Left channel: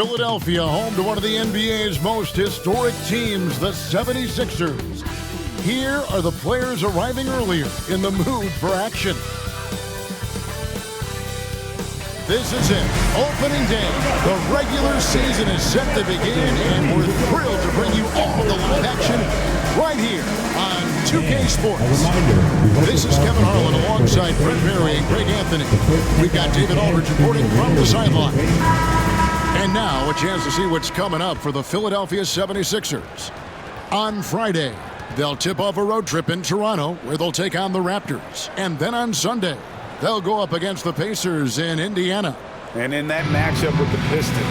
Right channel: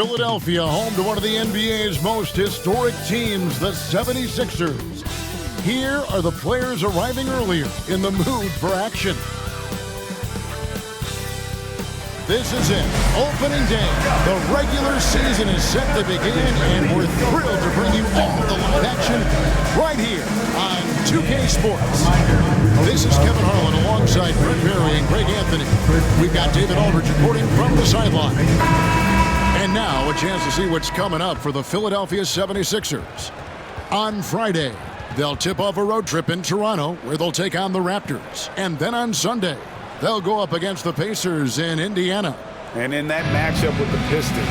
Philadelphia, home to one of the NBA's most historic teams, the 76ers. Here are the players arriving earlier in the mood for action. This is it, opening day. The regular season is set to begin, and we're thrilled to bring you all the live action right here on 2K Sports. This is Kevin Harlan alongside Brent Berry and Greg Anthony. We've got David Aldridge reporting from the sideline. And now a chance to see what's coming up for the Philadelphia 76ers. On Friday, they'll tip off a road trip in Toronto where they'll take on the Raptors. And then on Sunday, they'll go up against the Pacers in Indiana. And in that matchup with the Pistons,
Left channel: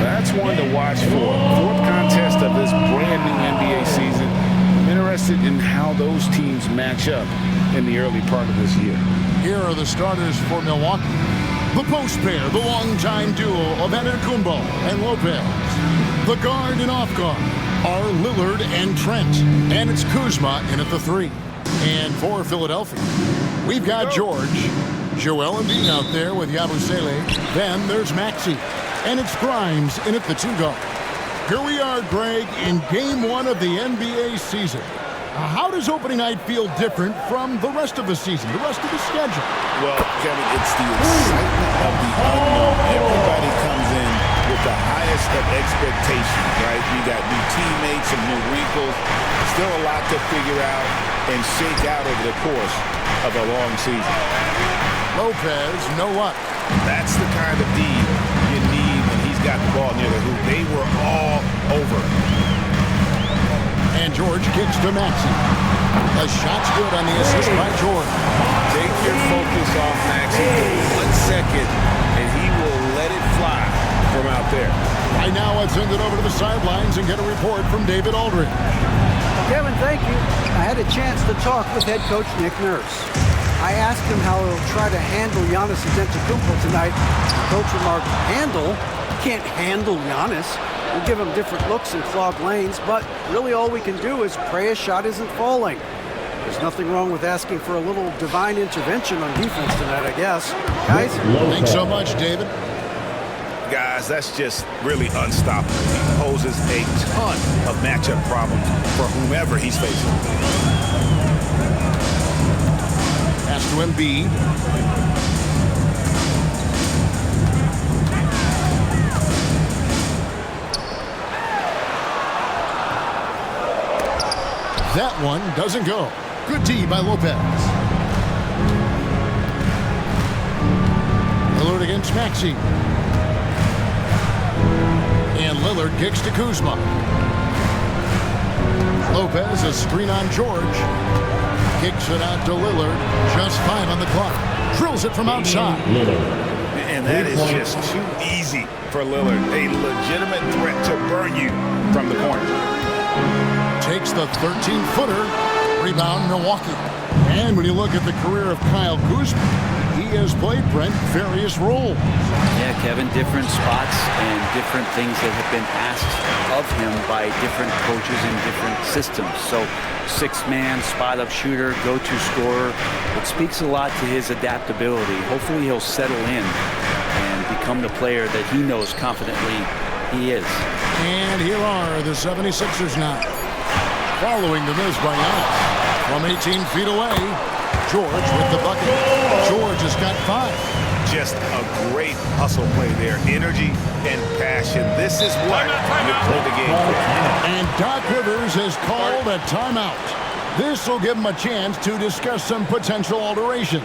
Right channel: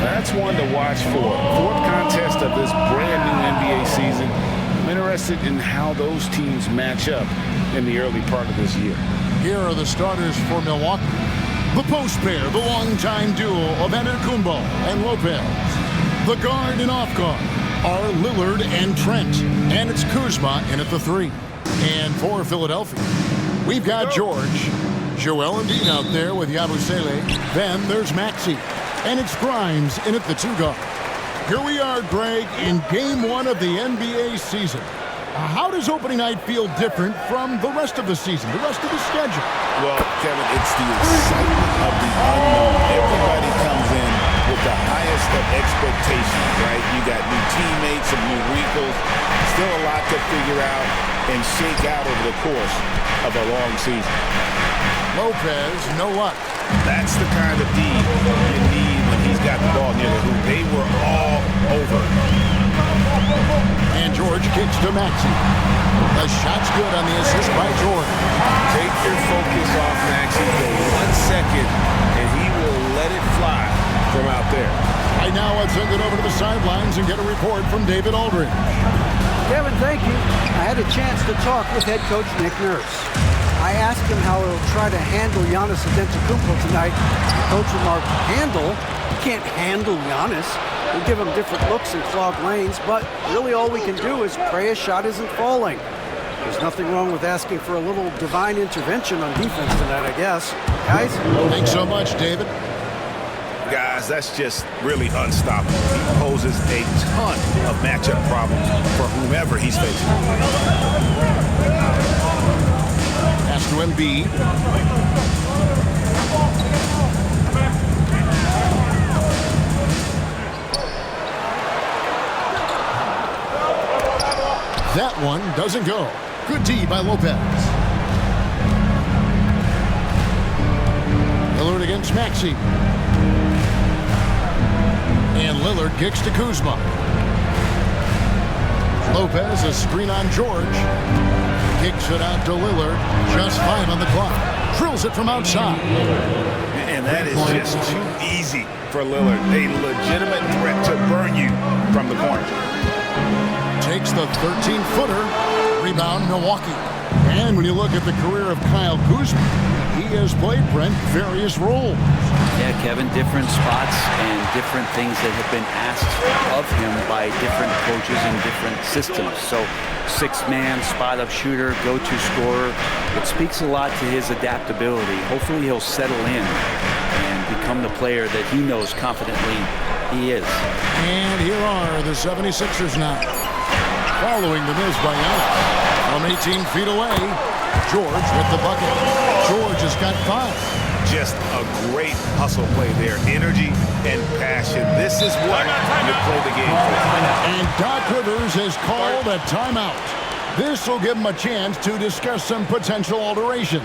that's one to watch for. Fourth contest of this brand new NBA season. I'm interested in how those teams match up in the early part of this year. Here are the starters for Milwaukee. The post pair, the longtime duo of Antetokounmpo and Lopez. The guard and off guard are Lillard and Trent. And it's Kuzma in at the 3. And for Philadelphia, we've got George, Joel Embiid out there with Yabusele. Then there's Maxey. And it's Grimes in at the 2 guard. Here we are, Greg, in Game 1 of the NBA season. How does opening night feel different from the rest of the season, the rest of the schedule? Well, Kevin, it's the excitement of the unknown. Everybody comes in with the highest of expectations, right? You got new teammates, some new wrinkles, still a lot to figure out and shake out over the course of a long season. Lopez, no luck. That's the kind of D you need when he's got the ball near the hoop. They were all over. And George kicks to Maxey. The shot's good on the assist by George. Take your focus off Maxey for 1 second, and he will let it fly from out there. Right now, I'd send it over to the sidelines and get a report from David Aldridge. Kevin, thank you. I had a chance to talk with head coach Nick Nurse. I asked him how he'll try to handle Giannis Antetokounmpo tonight. The coach remarked, handle? You can't handle Giannis. We'll give him different looks and clog lanes, but really all we can do is pray a shot isn't falling. There's nothing wrong with asking for a little divine intervention on defense tonight, I guess. Guys? Thanks so much, David. Guys, that's just really unstoppable. He poses a ton of matchup problems for whomever he's facing. Pass to Embiid. That one doesn't go. Good D by Lopez. Lillard against Maxey. And Lillard kicks to Kuzma. Lopez, a screen on George. Kicks it out to Lillard. Just 5 on the clock. Drills it from outside. And that is just too easy for Lillard. A legitimate threat to burn you from the corner. Takes the 13-footer. Rebound, Milwaukee. And when you look at the career of Kyle Kuzma, he has played, Brent, various roles. Yeah, Kevin, different spots and different things that have been asked of him by different coaches in different systems. So 6-man, spot-up shooter, go-to scorer. It speaks a lot to his adaptability. Hopefully he'll settle in and become the player that he knows confidently he is. And here are the 76ers now. Following the miss by Giannis. From 18 feet away, George with the bucket. George has got 5. Just a great hustle play there. Energy and passion. This is what you play the game for. And Doc Rivers has called a timeout. This will give him a chance to discuss some potential alterations.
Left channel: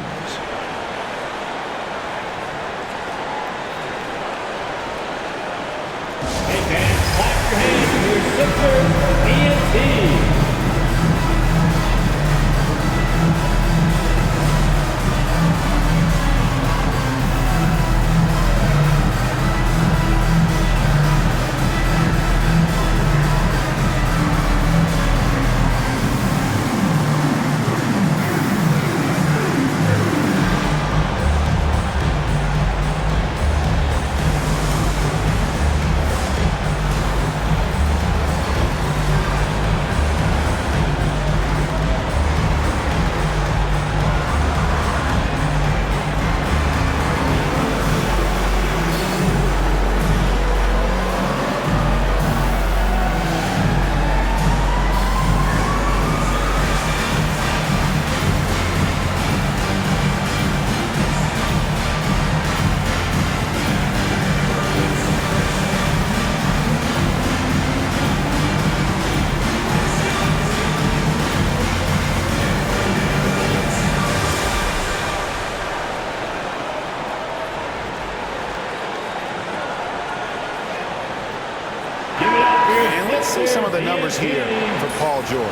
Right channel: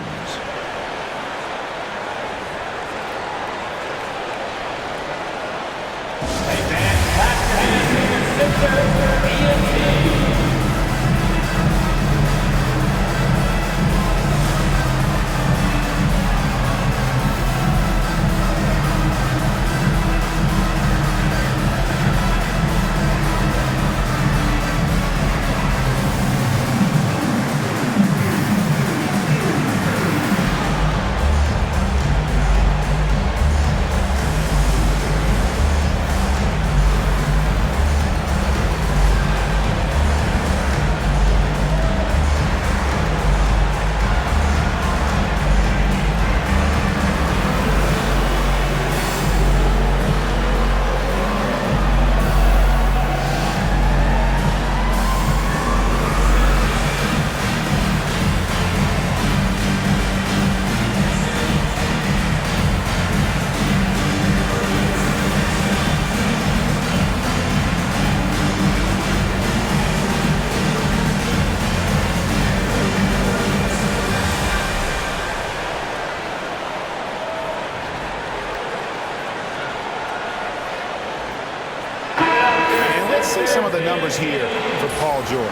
Let's see some of the numbers here for Paul George.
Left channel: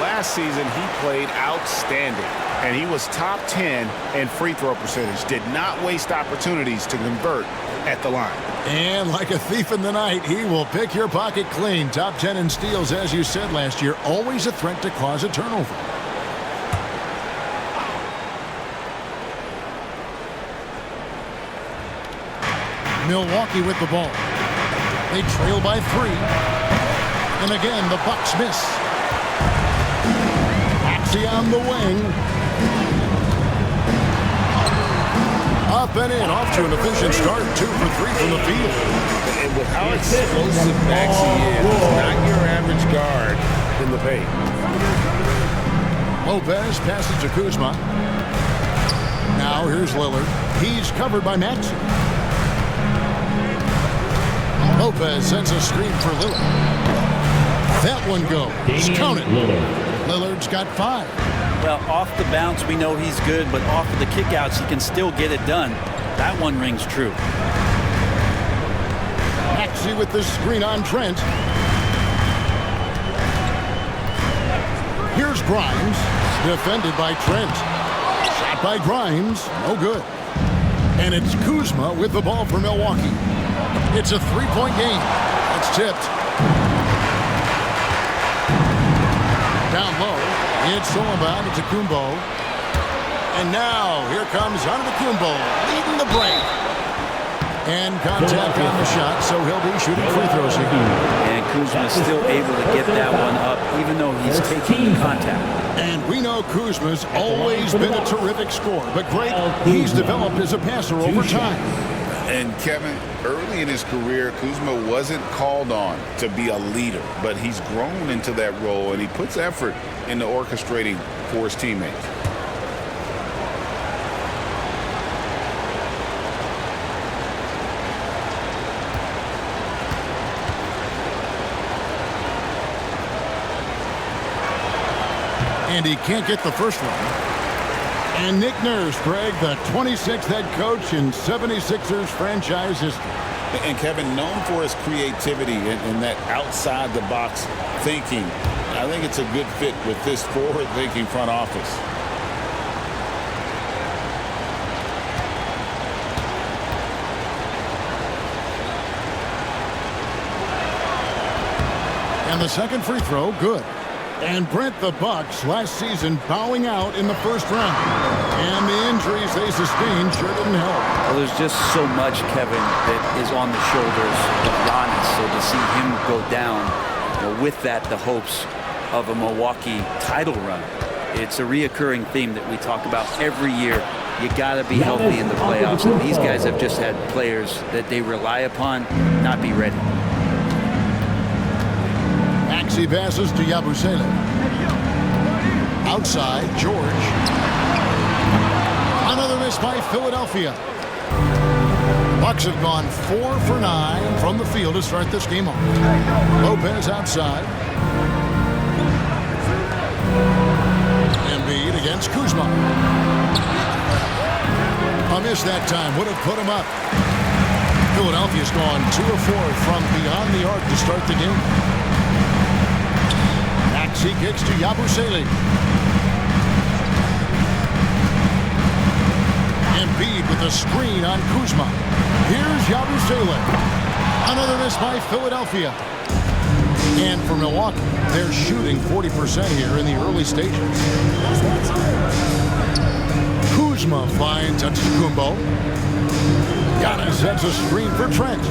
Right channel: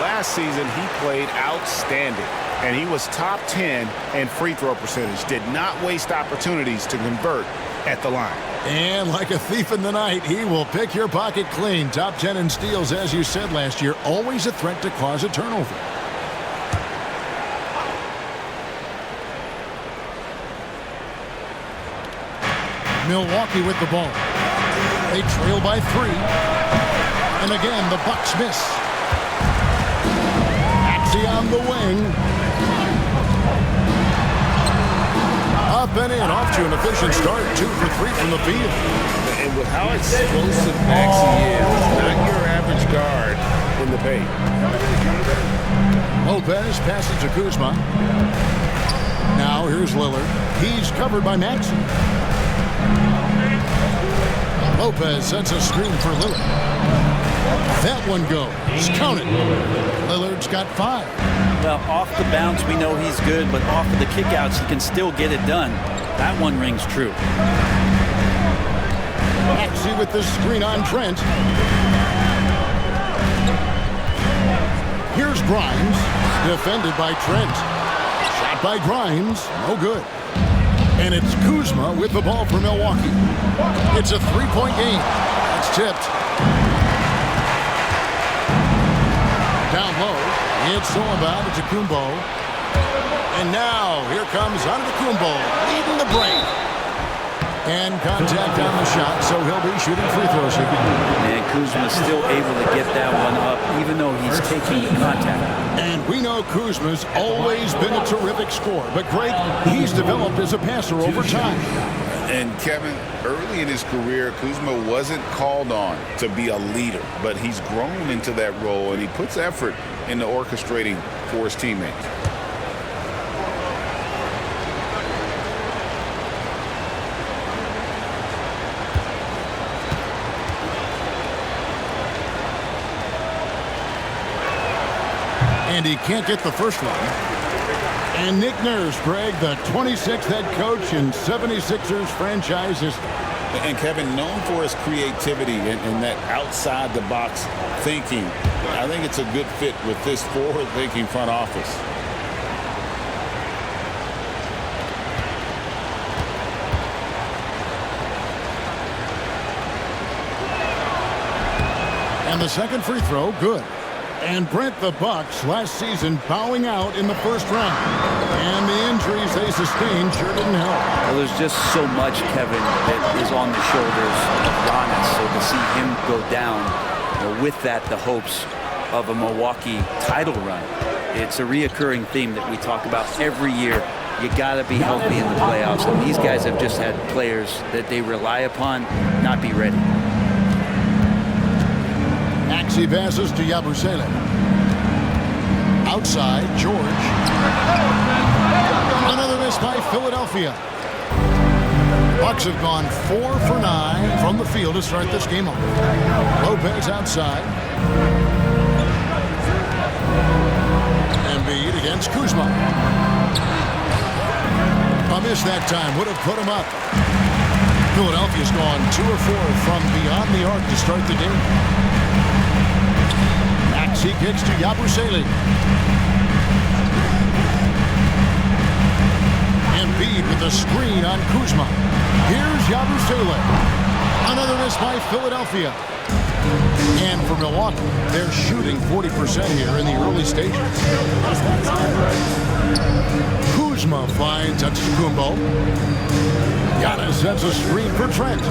Last season, he played outstanding, and he was top 10 in free throw percentage. Did not waste opportunities to convert at the line. And like a thief in the night, he will pick your pocket clean. Top 10 in steals, as you said last year. Always a threat to cause a turnover. Milwaukee with the ball. They trail by 3. And again, the Bucks miss. Maxey on the wing. Up and in, off to an efficient start. 2 for 3 from the field. And with how explosive Maxey is, he's not your average guard in the paint. Lopez passes to Kuzma. Now here's Lillard. He's covered by Maxey. Lopez sends a screen for Lillard. That one goes. Count it. Lillard's got 5. Well, off the bounce, we know he's good, but off of the kickouts, he can still get it done. That one rings true. Maxey with the screen on Trent. Here's Grimes, defended by Trent. Shot by Grimes, no good. And it's Kuzma with the ball for Milwaukee. It's a 3-point game. That's tipped. Down low, it's Solomon to Kumbo. And now, here comes Antetokounmpo, leading the break. And contact on the shot, so he'll be shooting free throws here. And Kuzma's still able to get that one up, even though he's taking the contact. And we know Kuzma's always been a terrific scorer. But, Greg, he's developed as a passer over time. And, Kevin, early in his career, Kuzma wasn't called on to be a leader, but he's grown into that role, and he puts effort into orchestrating for his teammates. And he can't get the first one. And Nick Nurse, Greg, the 26th head coach in 76ers franchise history. And Kevin, known for his creativity and that outside-the-box thinking, I think it's a good fit with this forward-thinking front office. And the second free throw, good. And Brent, the Bucks last season bowing out in the first round. And the injuries they sustained sure didn't help. Well, there's just so much, Kevin, that is on the shoulders of Giannis. So to see him go down, with that, the hopes of a Milwaukee title run. It's a reoccurring theme that we talk about every year. You got to be healthy in the playoffs. And these guys have just had players that they rely upon not be ready. Maxey passes to Yabusele. Outside, George. Another miss by Philadelphia. Bucks have gone 4 for 9 from the field to start this game off. Lopez outside. Embiid against Kuzma. A miss that time would have put him up. Philadelphia's gone 2 of 4 from beyond the arc to start the game. Maxey kicks to Yabusele. Embiid with a screen on Kuzma. Here's Yabusele. Another miss by Philadelphia. And for Milwaukee, they're shooting 40% here in the early stages. Kuzma finds Antetokounmpo. Giannis sets a screen for Trent.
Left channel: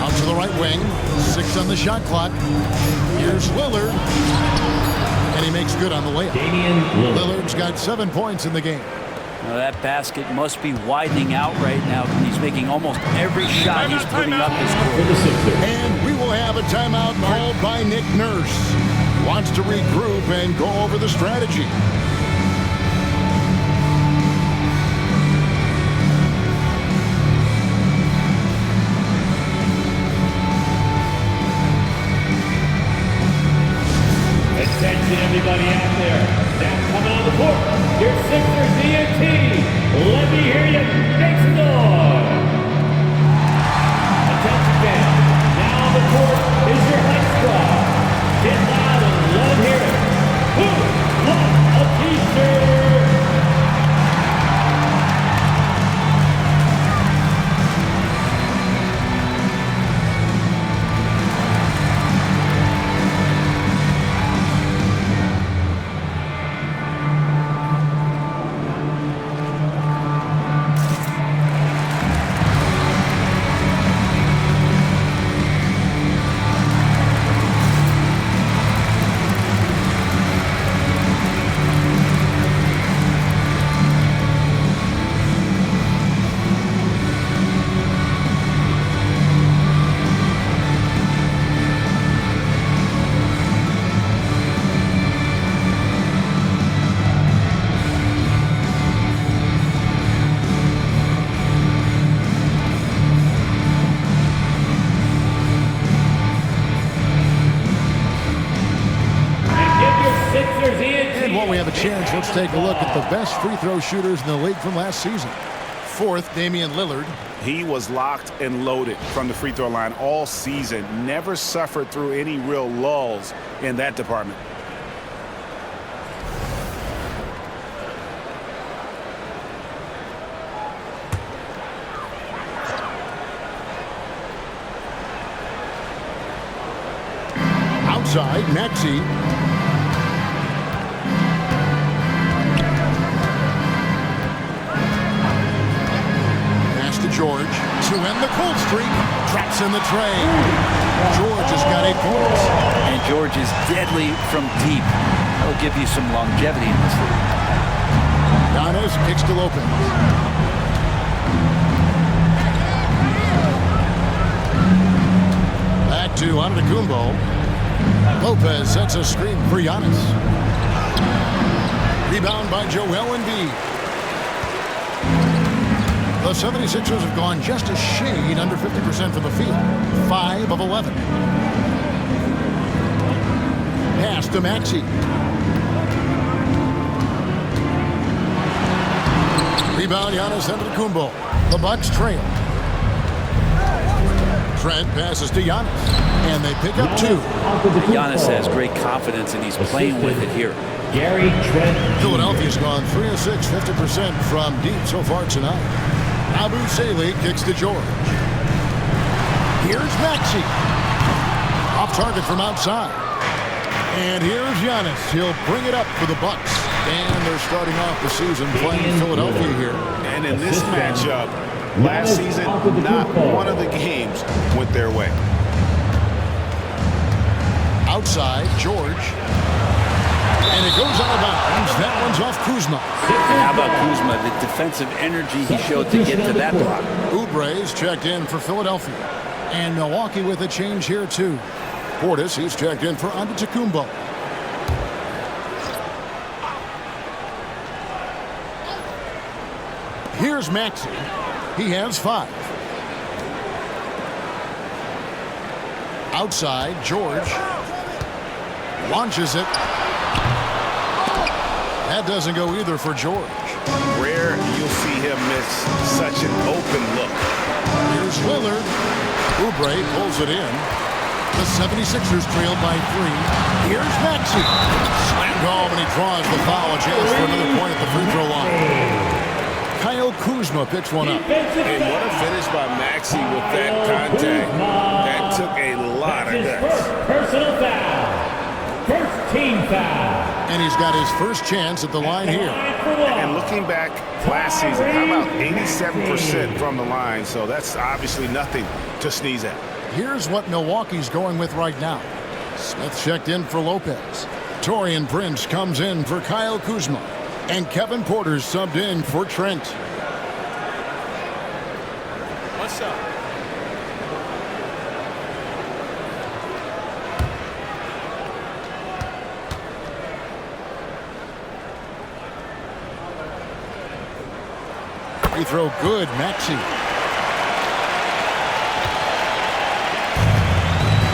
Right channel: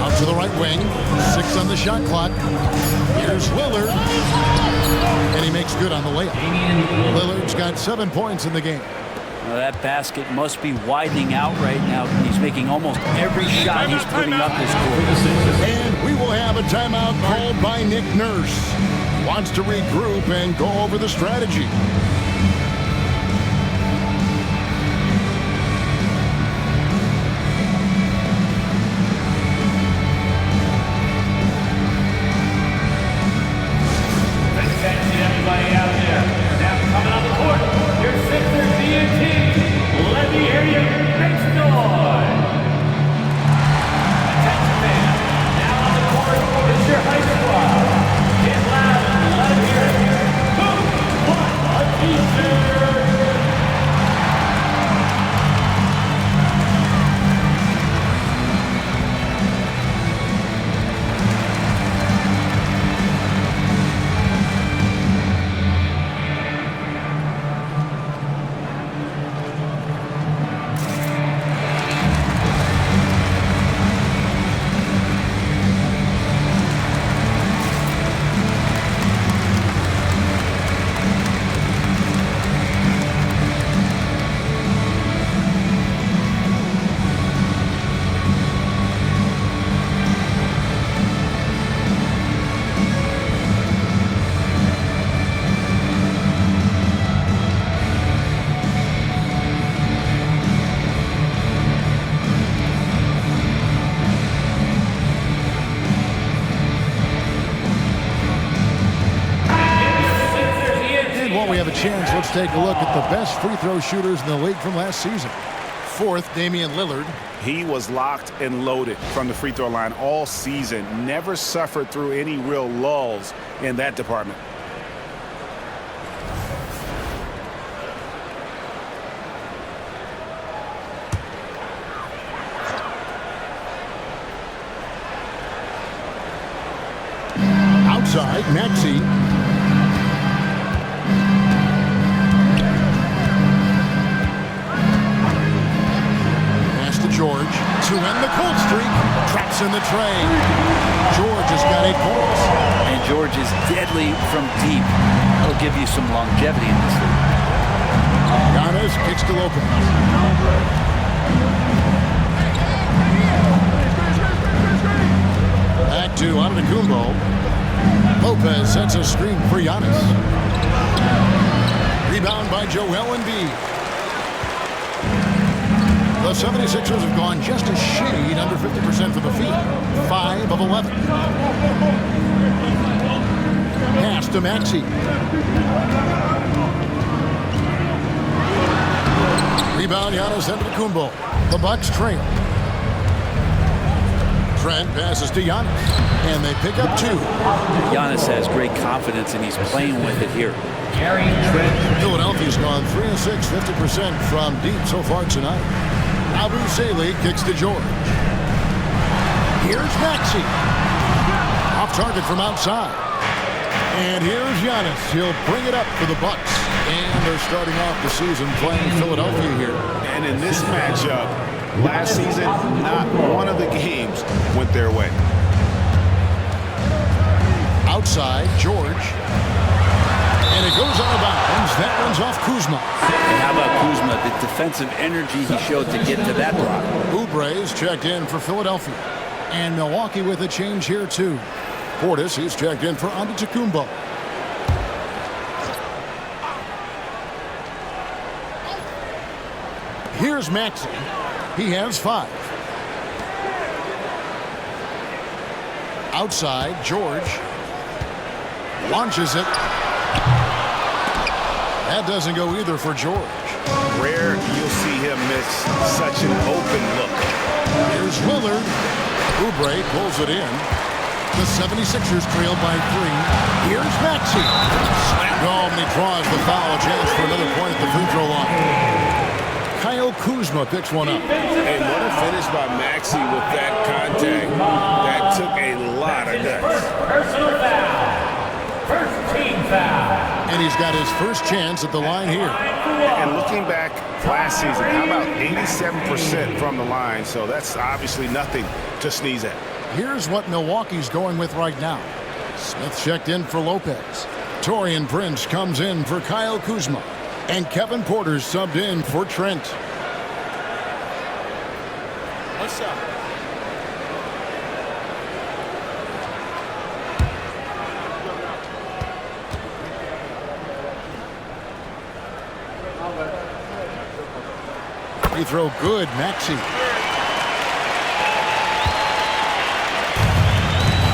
Out to the right wing. 6 on the shot clock. Here's Lillard. And he makes good on the layup. Lillard's got 7 points in the game. Now that basket must be widening out right now. He's making almost every shot he's putting up this quarter. And we will have a timeout called by Nick Nurse. He wants to regroup and go over the strategy. Attention everybody out there. Now coming on the court, your Sixers DNT. Let me hear you make some noise. Attention fans. Now we have a chance, let's take a look at the best free throw shooters in the league from last season. Fourth, Damian Lillard. He was locked and loaded from the free throw line all season. Never suffered through any real lulls in that department. Outside, Maxey. Pass to George to end the cold streak. Traps in the tray. George has got 8 points. And George is deadly from deep. That'll give you some longevity in this league. Giannis kicks to Lopez. Back to Antetokounmpo. Lopez sets a screen for Giannis. Rebound by Joel Embiid. The 76ers have gone just a shade under 50% from the field. 5 of 11. Pass to Maxey. Rebound Giannis Antetokounmpo. The Bucks trail. Trent passes to Giannis, and they pick up 2. Giannis has great confidence, and he's playing with it here. Gary Trent. Philadelphia's gone 3 of 6, 50% from deep so far tonight. Abu Saleh kicks to George. Here's Maxey. Off target from outside. And here's Giannis. He'll bring it up for the Bucks. And they're starting off the season playing Philadelphia here. And in this matchup, last season, not one of the games went their way. Outside, George. And it goes out of bounds. That one's off Kuzma. And how about Kuzma, the defensive energy he showed to get to that block. Oubre's checked in for Philadelphia. And Milwaukee with a change here, too. Portis, he's checked in for Antetokounmpo. Here's Maxey. He has 5. Outside, George launches it. That doesn't go either for George. Rare you'll see him miss such an open look. Here's Lillard. Oubre pulls it in. The 76ers trail by 3. Here's Maxey. Slammed home, and he draws the foul. A chance for another point at the free throw line. Kyle Kuzma picks one up. And what a finish by Maxey with that contact. That took a lot of guts. Personal foul. First team foul. And he's got his first chance at the line here. And looking back last season, how about 87% from the line? So that's obviously nothing to sneeze at. Here's what Milwaukee's going with right now. Smith checked in for Lopez. Taurean Prince comes in for Kyle Kuzma. And Kevin Porter's subbed in for Trent. What's up? Free throw good, Maxey.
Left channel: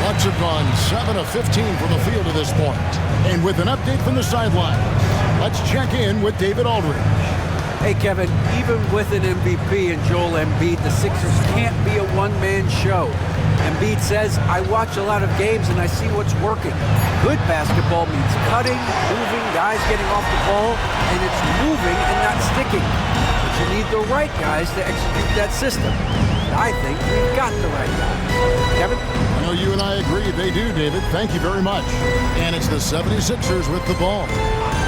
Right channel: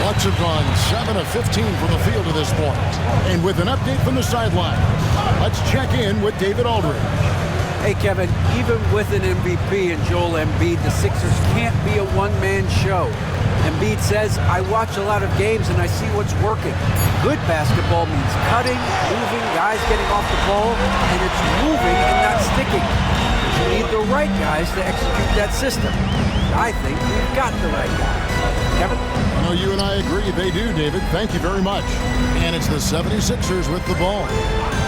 Bucks have gone 7 of 15 from the field to this point. And with an update from the sidelines, let's check in with David Aldridge. Hey, Kevin, even with an MVP and Joel Embiid, the Sixers can't be a one-man show. Embiid says, I watch a lot of games and I see what's working. Good basketball means cutting, moving, guys getting off the ball, and it's moving and not sticking. But you need the right guys to execute that system. I think we've gotten the right guys. Kevin? I know you and I agree they do, David. Thank you very much. And it's the 76ers with the ball.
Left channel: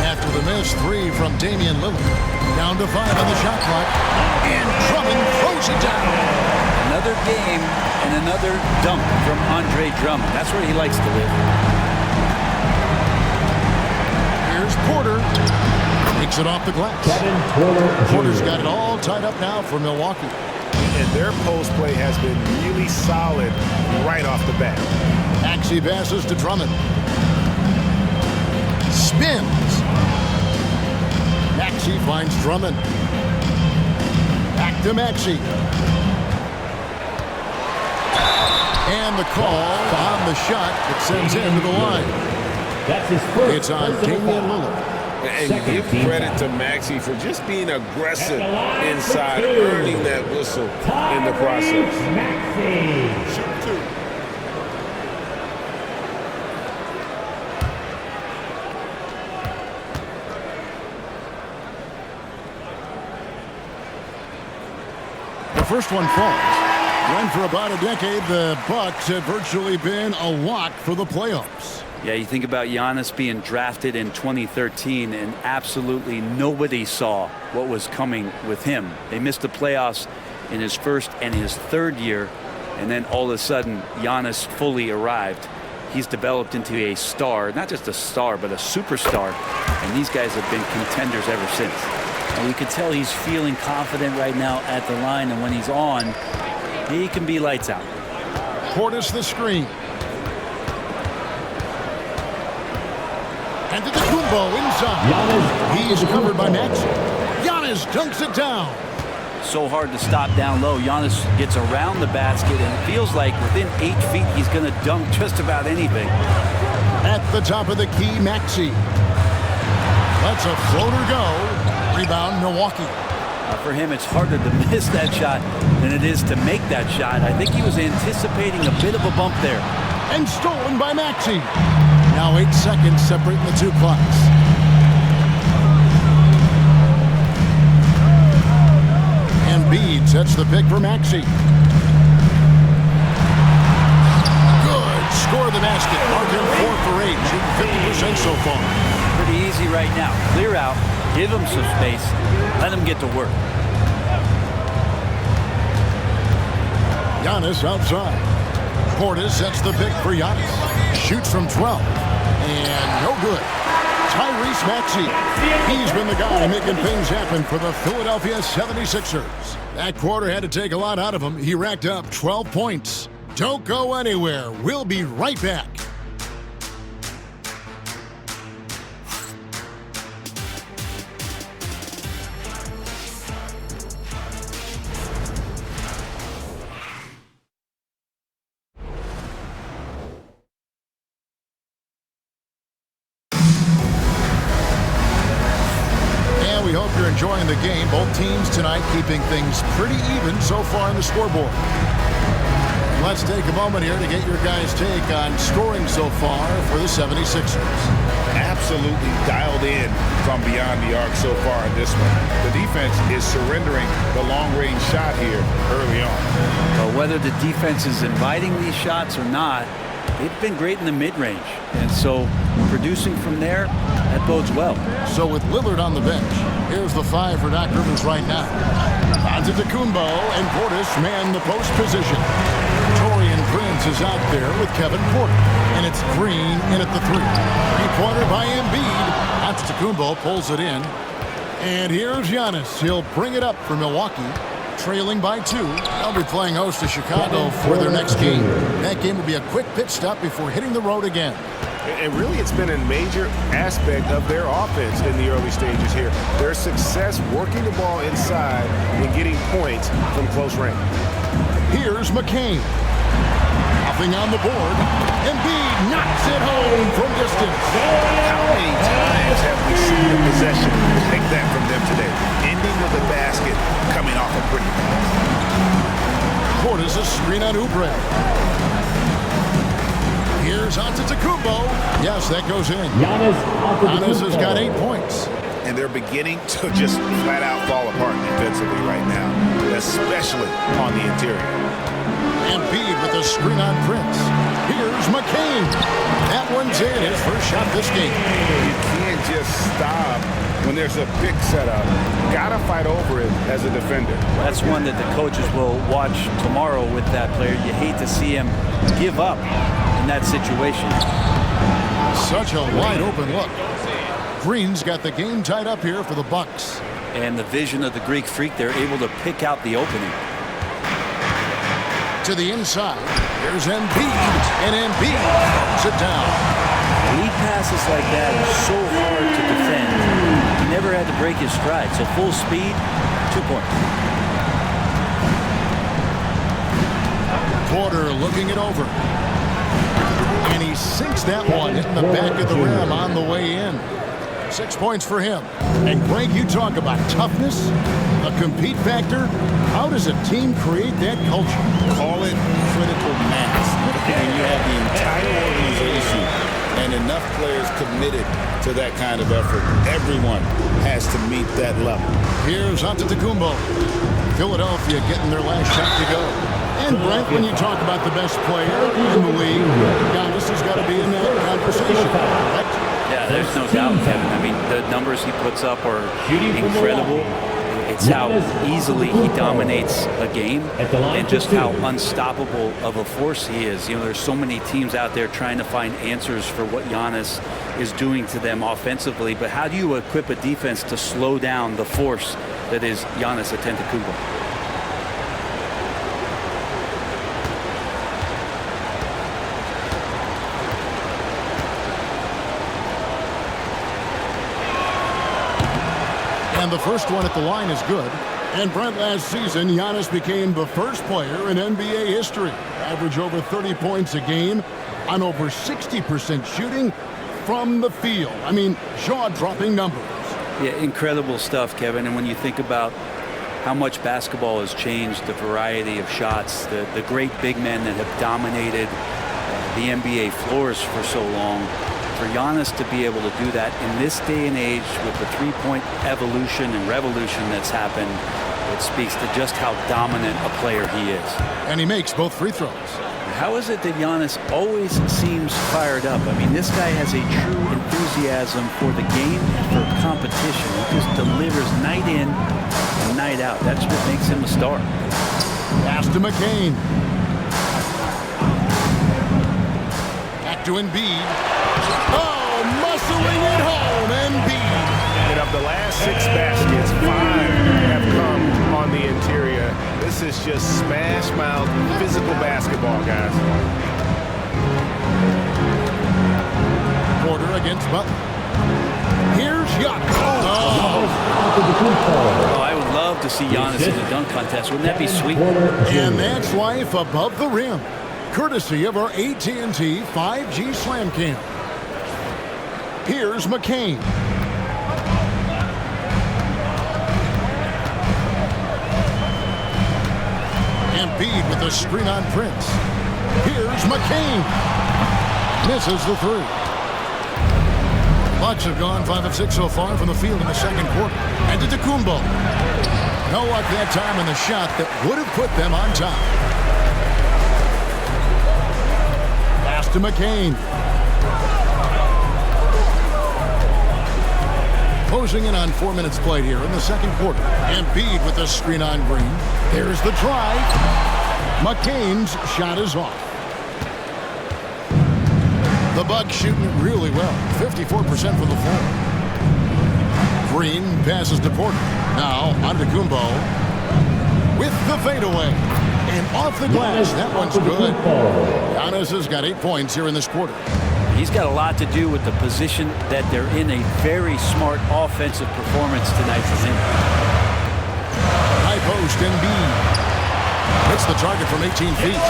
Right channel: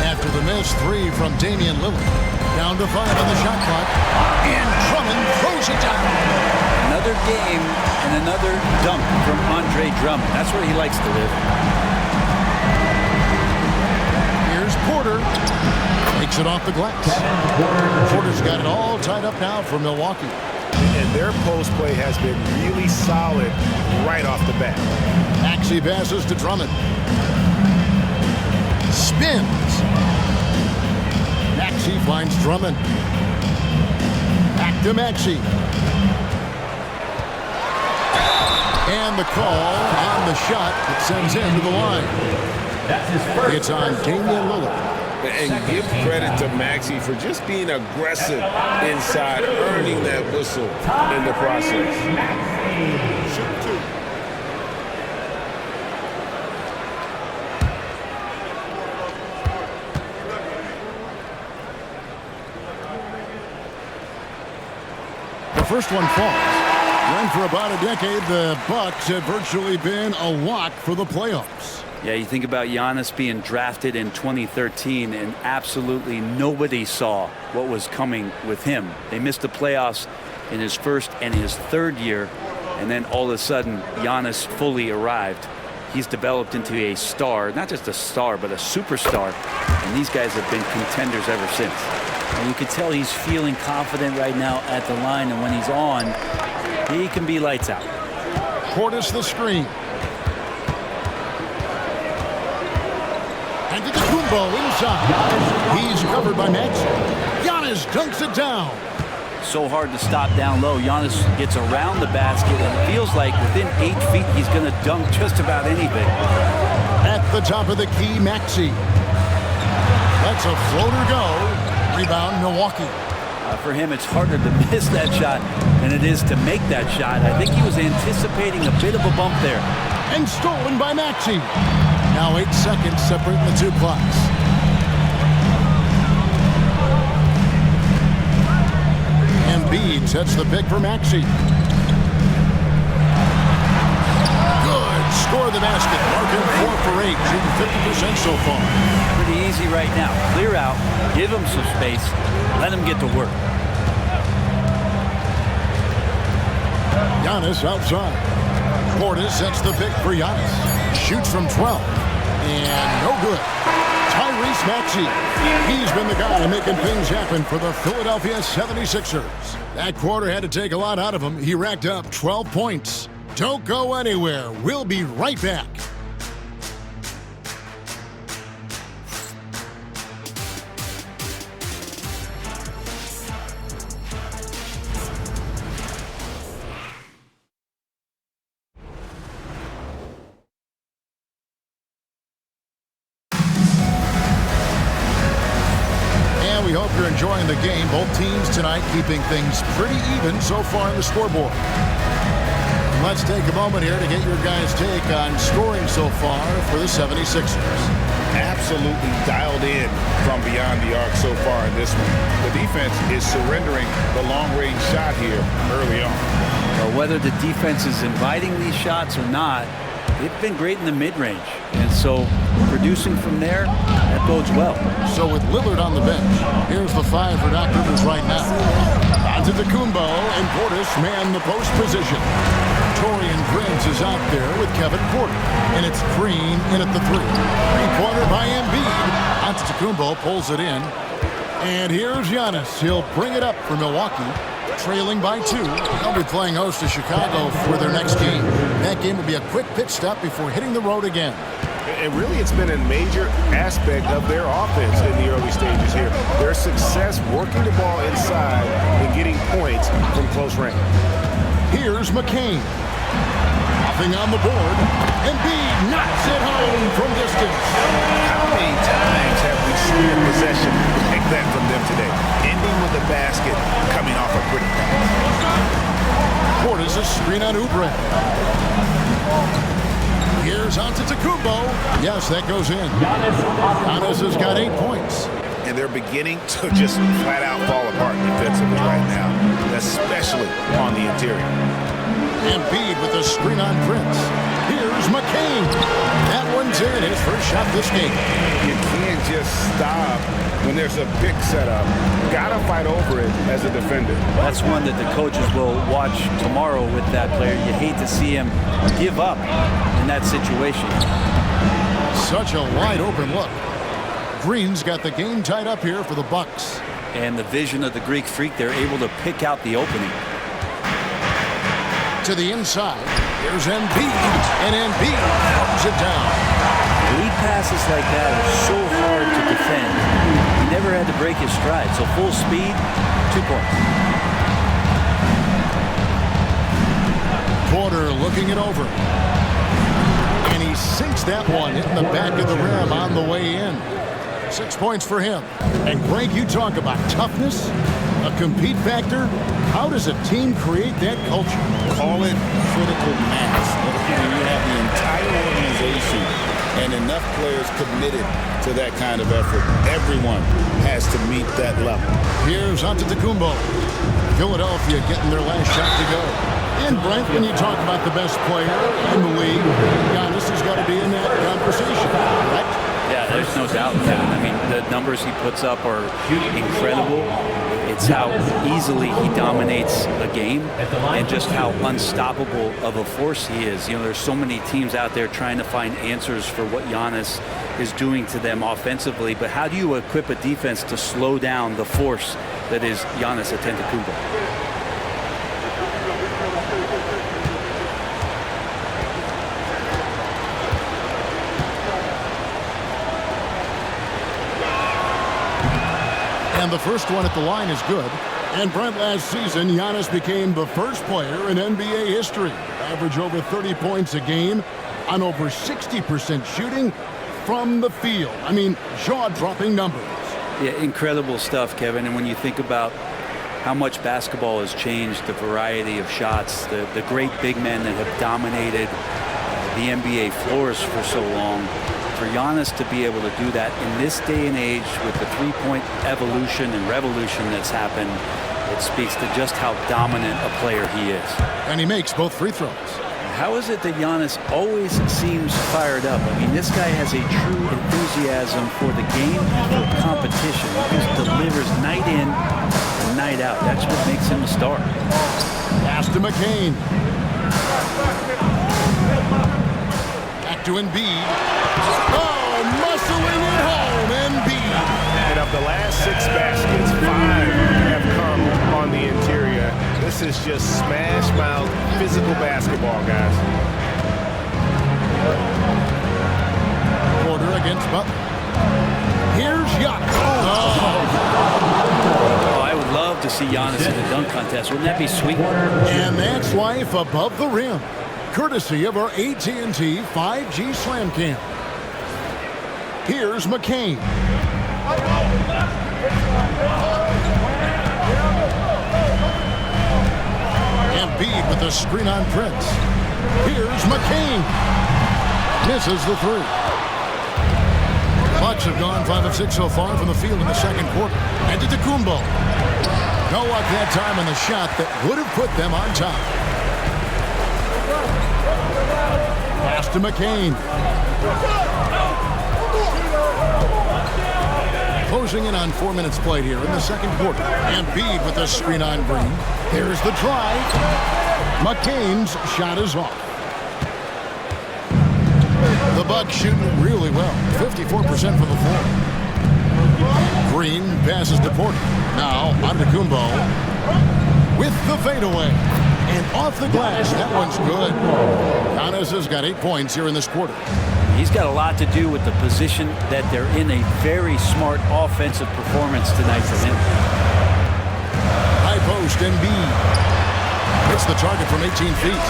After the missed 3 from Damian Lillard. Down to 5 on the shot clock. And Drummond throws it down. Another game and another dunk from Andre Drummond. That's where he likes to live. Here's Porter. Takes it off the glass. Porter's got it all tied up now for Milwaukee. And their post play has been really solid right off the bat. Maxey passes to Drummond. Spins. Maxey finds Drummond. Back to Maxey. And the call on the shot that sends him to the line. That's his first. It's on Damian Lillard. And give credit to Maxey for just being aggressive inside, earning that whistle in the process. Shoot 2. The first one falls. When for about a decade, the Bucks have virtually been a lock for the playoffs. Yeah, you think about Giannis being drafted in 2013, and absolutely nobody saw what was coming with him. They missed the playoffs in his first and his third year, and then all of a sudden, Giannis fully arrived. He's developed into a star, not just a star, but a superstar, and these guys have been contenders ever since. And you can tell he's feeling confident right now at the line, and when he's on, he can be lights out. Portis the screen. And to the Kumbo inside. He's covered by Maxey. Giannis dunks it down. So hard to stop down low. Giannis gets around the basket, and it feels like within 8 feet he's going to dunk just about anything. At the top of the key, Maxey. Lets a floater go. Rebound, Milwaukee. For him, it's harder to miss that shot than it is to make that shot. I think he was anticipating a bit of a bump there. And stolen by Maxey. Now 8 seconds separating the two clocks. Embiid sets the pick for Maxey. Good. Score the basket. Mark him 4 for 8. Shooting 50% so far. Pretty easy right now. Clear out. Give him some space. Let him get to work. Giannis outside. Portis sets the pick for Giannis. Shoots from 12. And no good. Tyrese Maxey. He's been the guy making things happen for the Philadelphia 76ers. That quarter had to take a lot out of him. He racked up 12 points. Don't go anywhere. We'll be right back. We hope you're enjoying the game. Both teams tonight keeping things pretty even so far on the scoreboard. And let's take a moment here to get your guys' take on scoring so far for the 76ers. Absolutely dialed in from beyond the arc so far in this one. The defense is surrendering the long-range shot here early on. Well, whether the defense is inviting these shots or not, they've been great in the mid-range. And so producing from there, that bodes well. So with Lillard on the bench, here's the 5 for Doc Rivers right now. Antetokounmpo and Portis man the post position. Taurean Prince is out there with Kevin Porter. And it's Green in at the 3. Three-pointer by Embiid. Antetokounmpo pulls it in. And here's Giannis. He'll bring it up for Milwaukee. Trailing by 2. They'll be playing host to Chicago for their next game. That game will be a quick pit stop before hitting the road again. And really, it's been a major aspect of their offense in the early stages here. Their success working the ball inside and getting points from close range. Here's McCain. Nothing on the board. Embiid knocks it home from distance. How many times have we seen a possession like that from them today? Ending with a basket, coming off a pretty pass. Portis a screen on Oubre. Here's Antetokounmpo. Yes, that goes in. Giannis has got 8 points. And they're beginning to just flat out fall apart defensively right now, especially on the interior. Embiid with a screen on Prince. Here's McCain. That one's in, his first shot this game. You can't just stop when there's a pick set up. Gotta fight over it as a defender. That's one that the coaches will watch tomorrow with that player. You hate to see him give up in that situation. Such a wide open look. Green's got the game tied up here for the Bucks. And the vision of the Greek freak, they're able to pick out the opening. To the inside, here's Embiid, and Embiid throws it down. Lead passes like that are so hard to defend. He never had to break his stride, so full speed, 2 points. Porter looking it over. And he sinks that one, hitting the back of the rim on the way in. 6 points for him. And Greg, you talk about toughness, a compete factor. How does a team create that culture? Call it critical mass. When you have the entire organization and enough players committed to that kind of effort, everyone has to meet that level. Here's Antetokounmpo. Philadelphia getting their last shot to go. And Brent, when you talk about the best player in the league, Giannis has got to be in that conversation, correct? Yeah, there's no doubt, Kevin. I mean, the numbers he puts up are incredible. It's how easily he dominates a game and just how unstoppable of a force he is. You know, there's so many teams out there trying to find answers for what Giannis is doing to them offensively, but how do you equip a defense to slow down the force that is Giannis Antetokounmpo? And the first one at the line is good. And Brent, last season, Giannis became the first player in NBA history to average over 30 points a game on over 60% shooting from the field. I mean, jaw-dropping numbers. Yeah, incredible stuff, Kevin. And when you think about how much basketball has changed, the variety of shots, the great big men that have dominated the NBA floors for so long, for Giannis to be able to do that in this day and age with the three-point evolution and revolution that's happened, it speaks to just how dominant a player he is. And he makes both free throws. How is it that Giannis always seems fired up? I mean, this guy has a true enthusiasm for the game and for competition. He just delivers night in and night out. That's what makes him a star. Pass to McCain. Back to Embiid. Oh, muscling it home, Embiid. And of the last 6 baskets, 5 have come on the interior. This is just smash mouth physical basketball, guys. Porter against Butler. Here's Giannis. Oh, I would love to see Giannis in the dunk contest. Wouldn't that be sweet? And that's life above the rim, courtesy of our AT&T 5G Slam Cam. Here's McCain. Embiid with a screen on Prince. Here's McCain. Misses the 3. Bucks have gone 5 of 6 so far from the field in the second quarter. And Antetokounmpo. No luck that time on the shot that would have put them on top. Pass to McCain. Closing in on 4 minutes played here in the second quarter. Embiid with the screen on Green. Here's the try. McCain's shot is off. The Bucks shooting really well. 54% from the floor. Green passes to Porter. Now Antetokounmpo with the fadeaway. And off the glass. That one's good. Giannis has got 8 points here in this quarter. He's got a lot to do with the position that they're in. A very smart offensive performance tonight for him. High post, Embiid. Hits the target from 18 feet.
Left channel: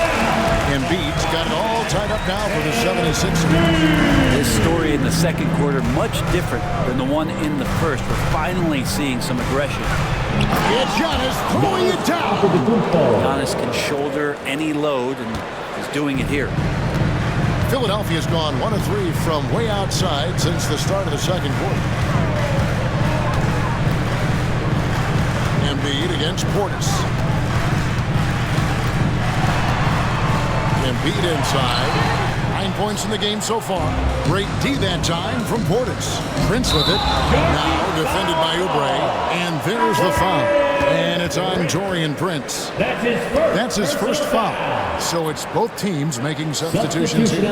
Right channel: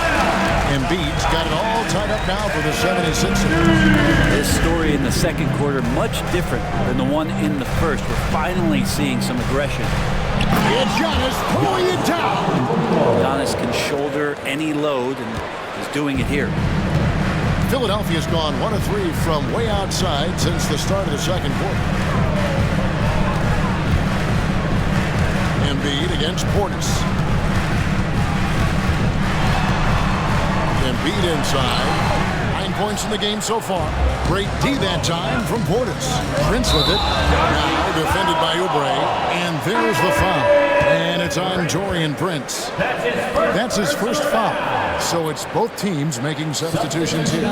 Embiid's got it all tied up now for the 76ers. This story in the second quarter, much different than the one in the first. We're finally seeing some aggression. It's Giannis throwing it down. Giannis can shoulder any load and is doing it here. Philadelphia's gone 1 of 3 from way outside since the start of the second quarter. Embiid against Portis. Embiid inside. 9 points in the game so far. Great D that time from Portis. Prince with it. Now defended by Oubre. And there's the foul. And it's on Taurean Prince. That's his first foul. So it's both teams making substitutions here.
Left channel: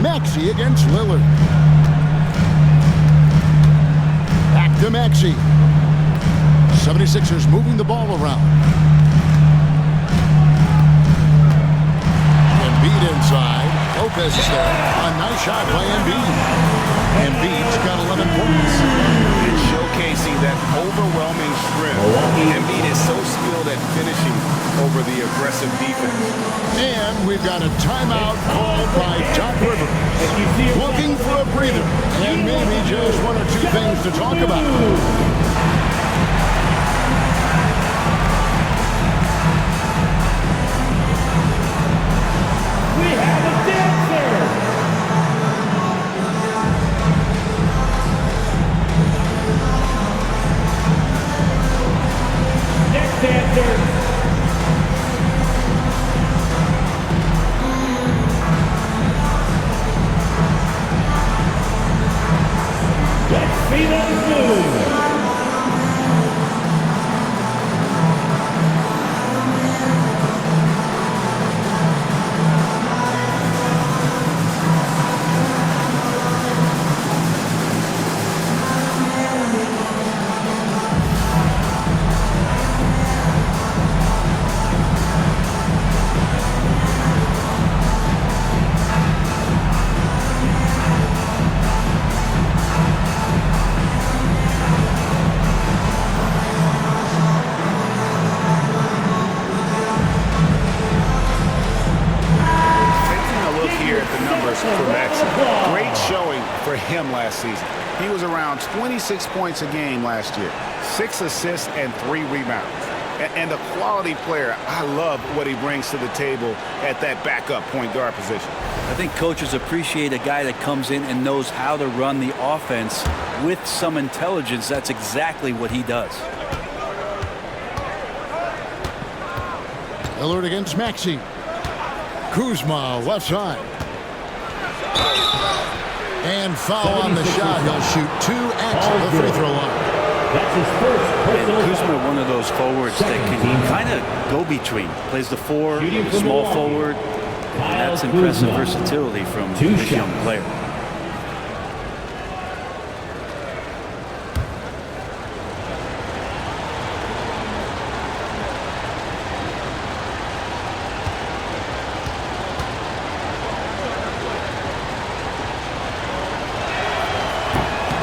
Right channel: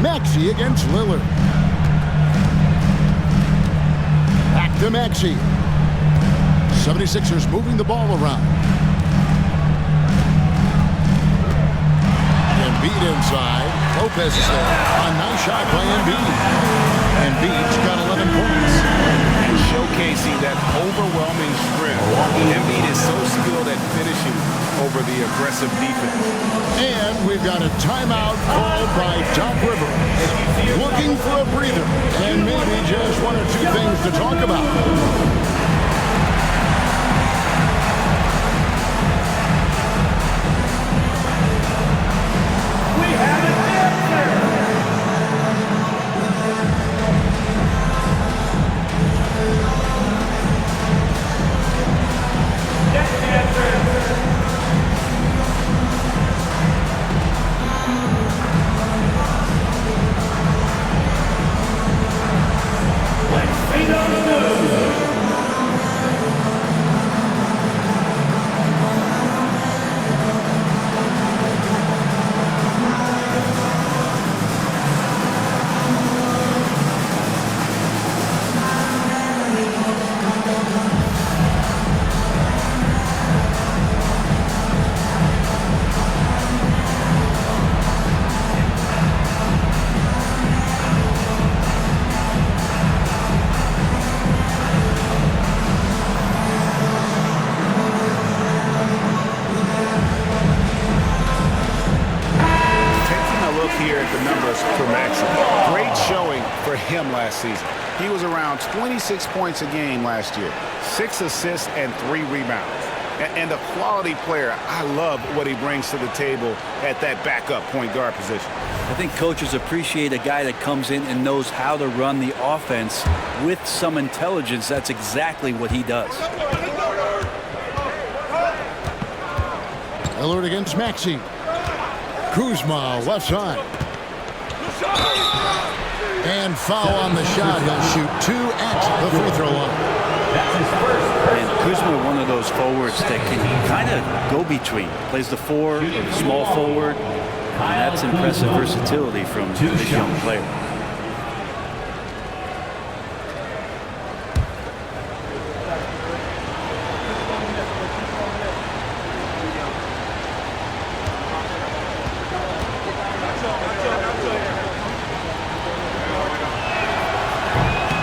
Maxey against Lillard. Back to Maxey. 76ers moving the ball around. Embiid inside. Lopez is there. A nice shot by Embiid. Embiid's got 11 points. And showcasing that overwhelming strength. Embiid is so skilled at finishing over the aggressive defense. And we've got a timeout called by Doc Rivers. Looking for a breather and maybe just one or two things to talk about. We have a dancer. Next dancer. Let's feed on food. Here at the numbers for Maxey. Great showing for him last season. He was around 26 points a game last year, 6 assists and 3 rebounds. And a quality player. I love what he brings to the table at that backup point guard position. I think coaches appreciate a guy that comes in and knows how to run the offense with some intelligence. That's exactly what he does. Lillard against Maxey. Kuzma, left side. And foul on the shot. He'll shoot 2 at the free throw line. That's his first. And Kuzma, one of those forwards that can kind of go between. Plays the 4, small forward. And that's impressive versatility from this young player.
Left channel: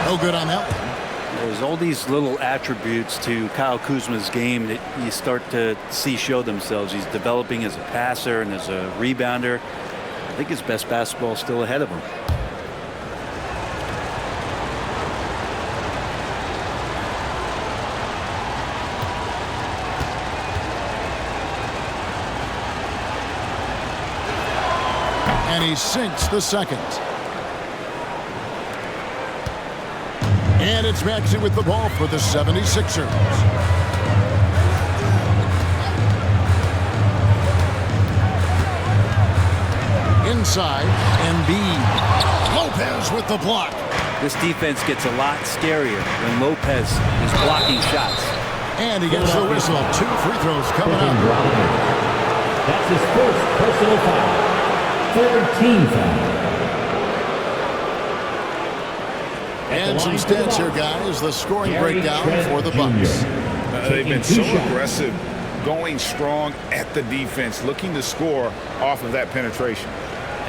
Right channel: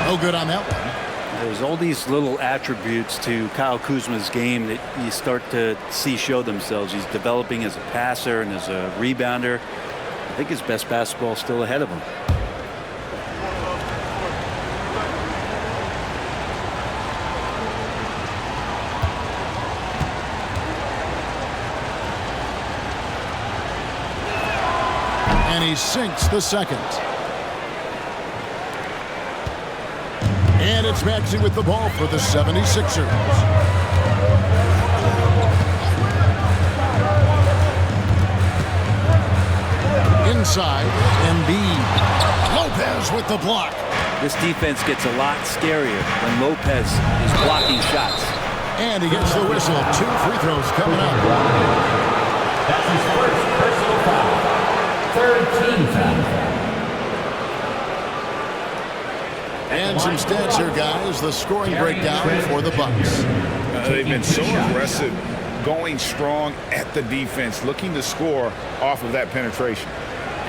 No good on that one. There's all these little attributes to Kyle Kuzma's game that you start to see show themselves. He's developing as a passer and as a rebounder. I think his best basketball is still ahead of him. And he sinks the second. And it's Maxey with the ball for the 76ers. Inside, Embiid. Lopez with the block. This defense gets a lot scarier when Lopez is blocking shots. And he gets the whistle. 2 free throws coming up. That's his first personal foul. Third team foul. And some stats here, guys. The scoring breakdown for the Bucks. They've been so aggressive, going strong at the defense, looking to score off of that penetration.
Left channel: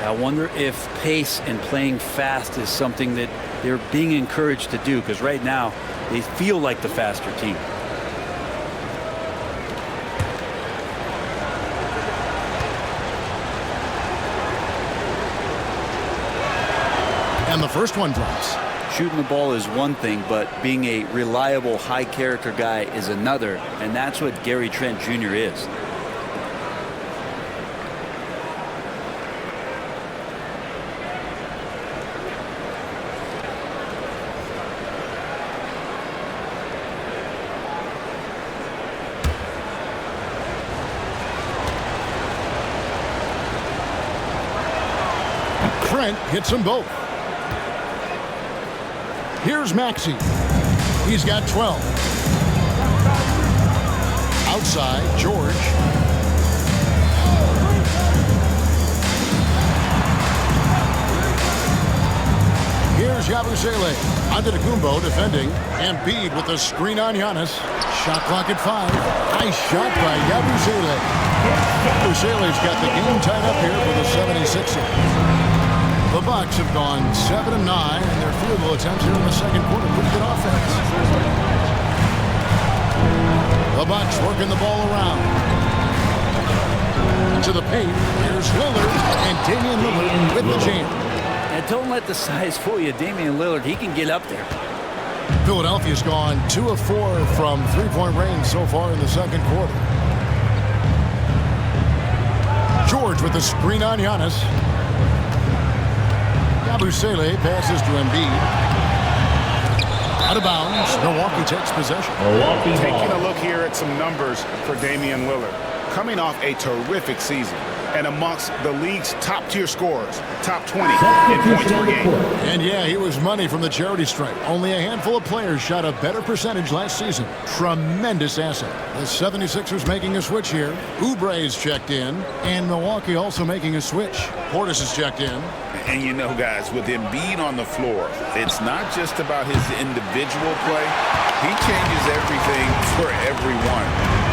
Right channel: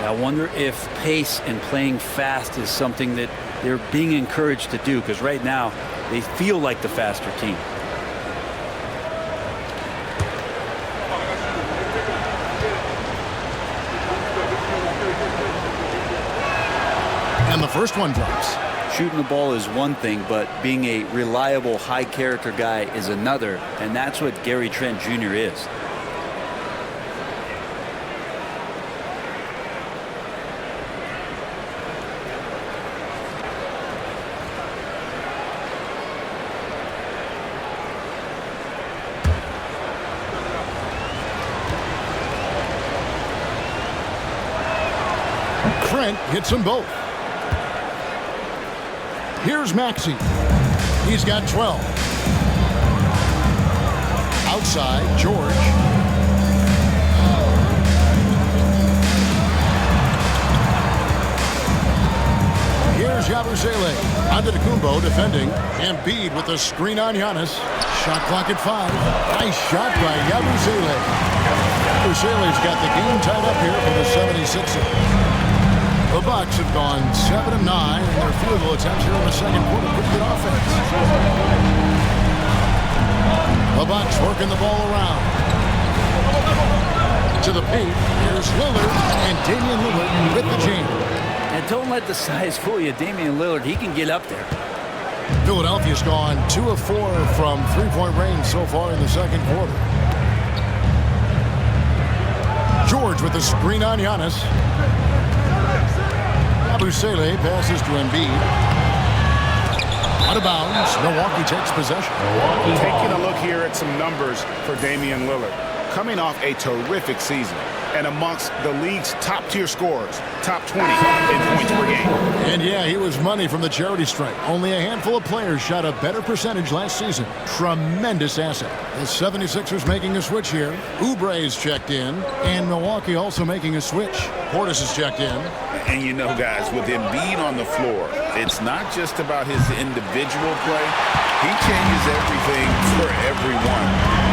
I wonder if pace and playing fast is something that they're being encouraged to do, because right now they feel like the faster team. And the first one drops. Shooting the ball is one thing, but being a reliable, high-character guy is another, and that's what Gary Trent Jr. is. Trent hits them both. Here's Maxey. He's got 12. Outside, George. Here's Yabusele. Antetokounmpo defending. Embiid with a screen on Giannis. Shot clock at 5. Nice shot by Yabusele. Yabusele's got the game tied up here for the 76ers. The Bucks have gone 7 of 9 in their field goal attempts here in the second quarter. Pretty good offense. The Bucks working the ball around. To the paint. Here's Lillard, and Damian Lillard with the jam. And don't let the size fool you. Damian Lillard, he can get up there. Philadelphia's gone 2 of 4 from three-point range so far in the second quarter. George with the screen on Giannis. Yabusele passes to Embiid. Out of bounds. Milwaukee takes possession. Taking a look here at some numbers for Damian Lillard. Coming off a terrific season and amongst the league's top-tier scorers, top 20 in points per game. And yeah, he was money from the charity stripe. Only a handful of players shot a better percentage last season. Tremendous asset. The 76ers making a switch here. Oubre's checked in, and Milwaukee also making a switch. Portis is checked in. And you know, guys, with Embiid on the floor, it's not just about his individual play. He changes everything for everyone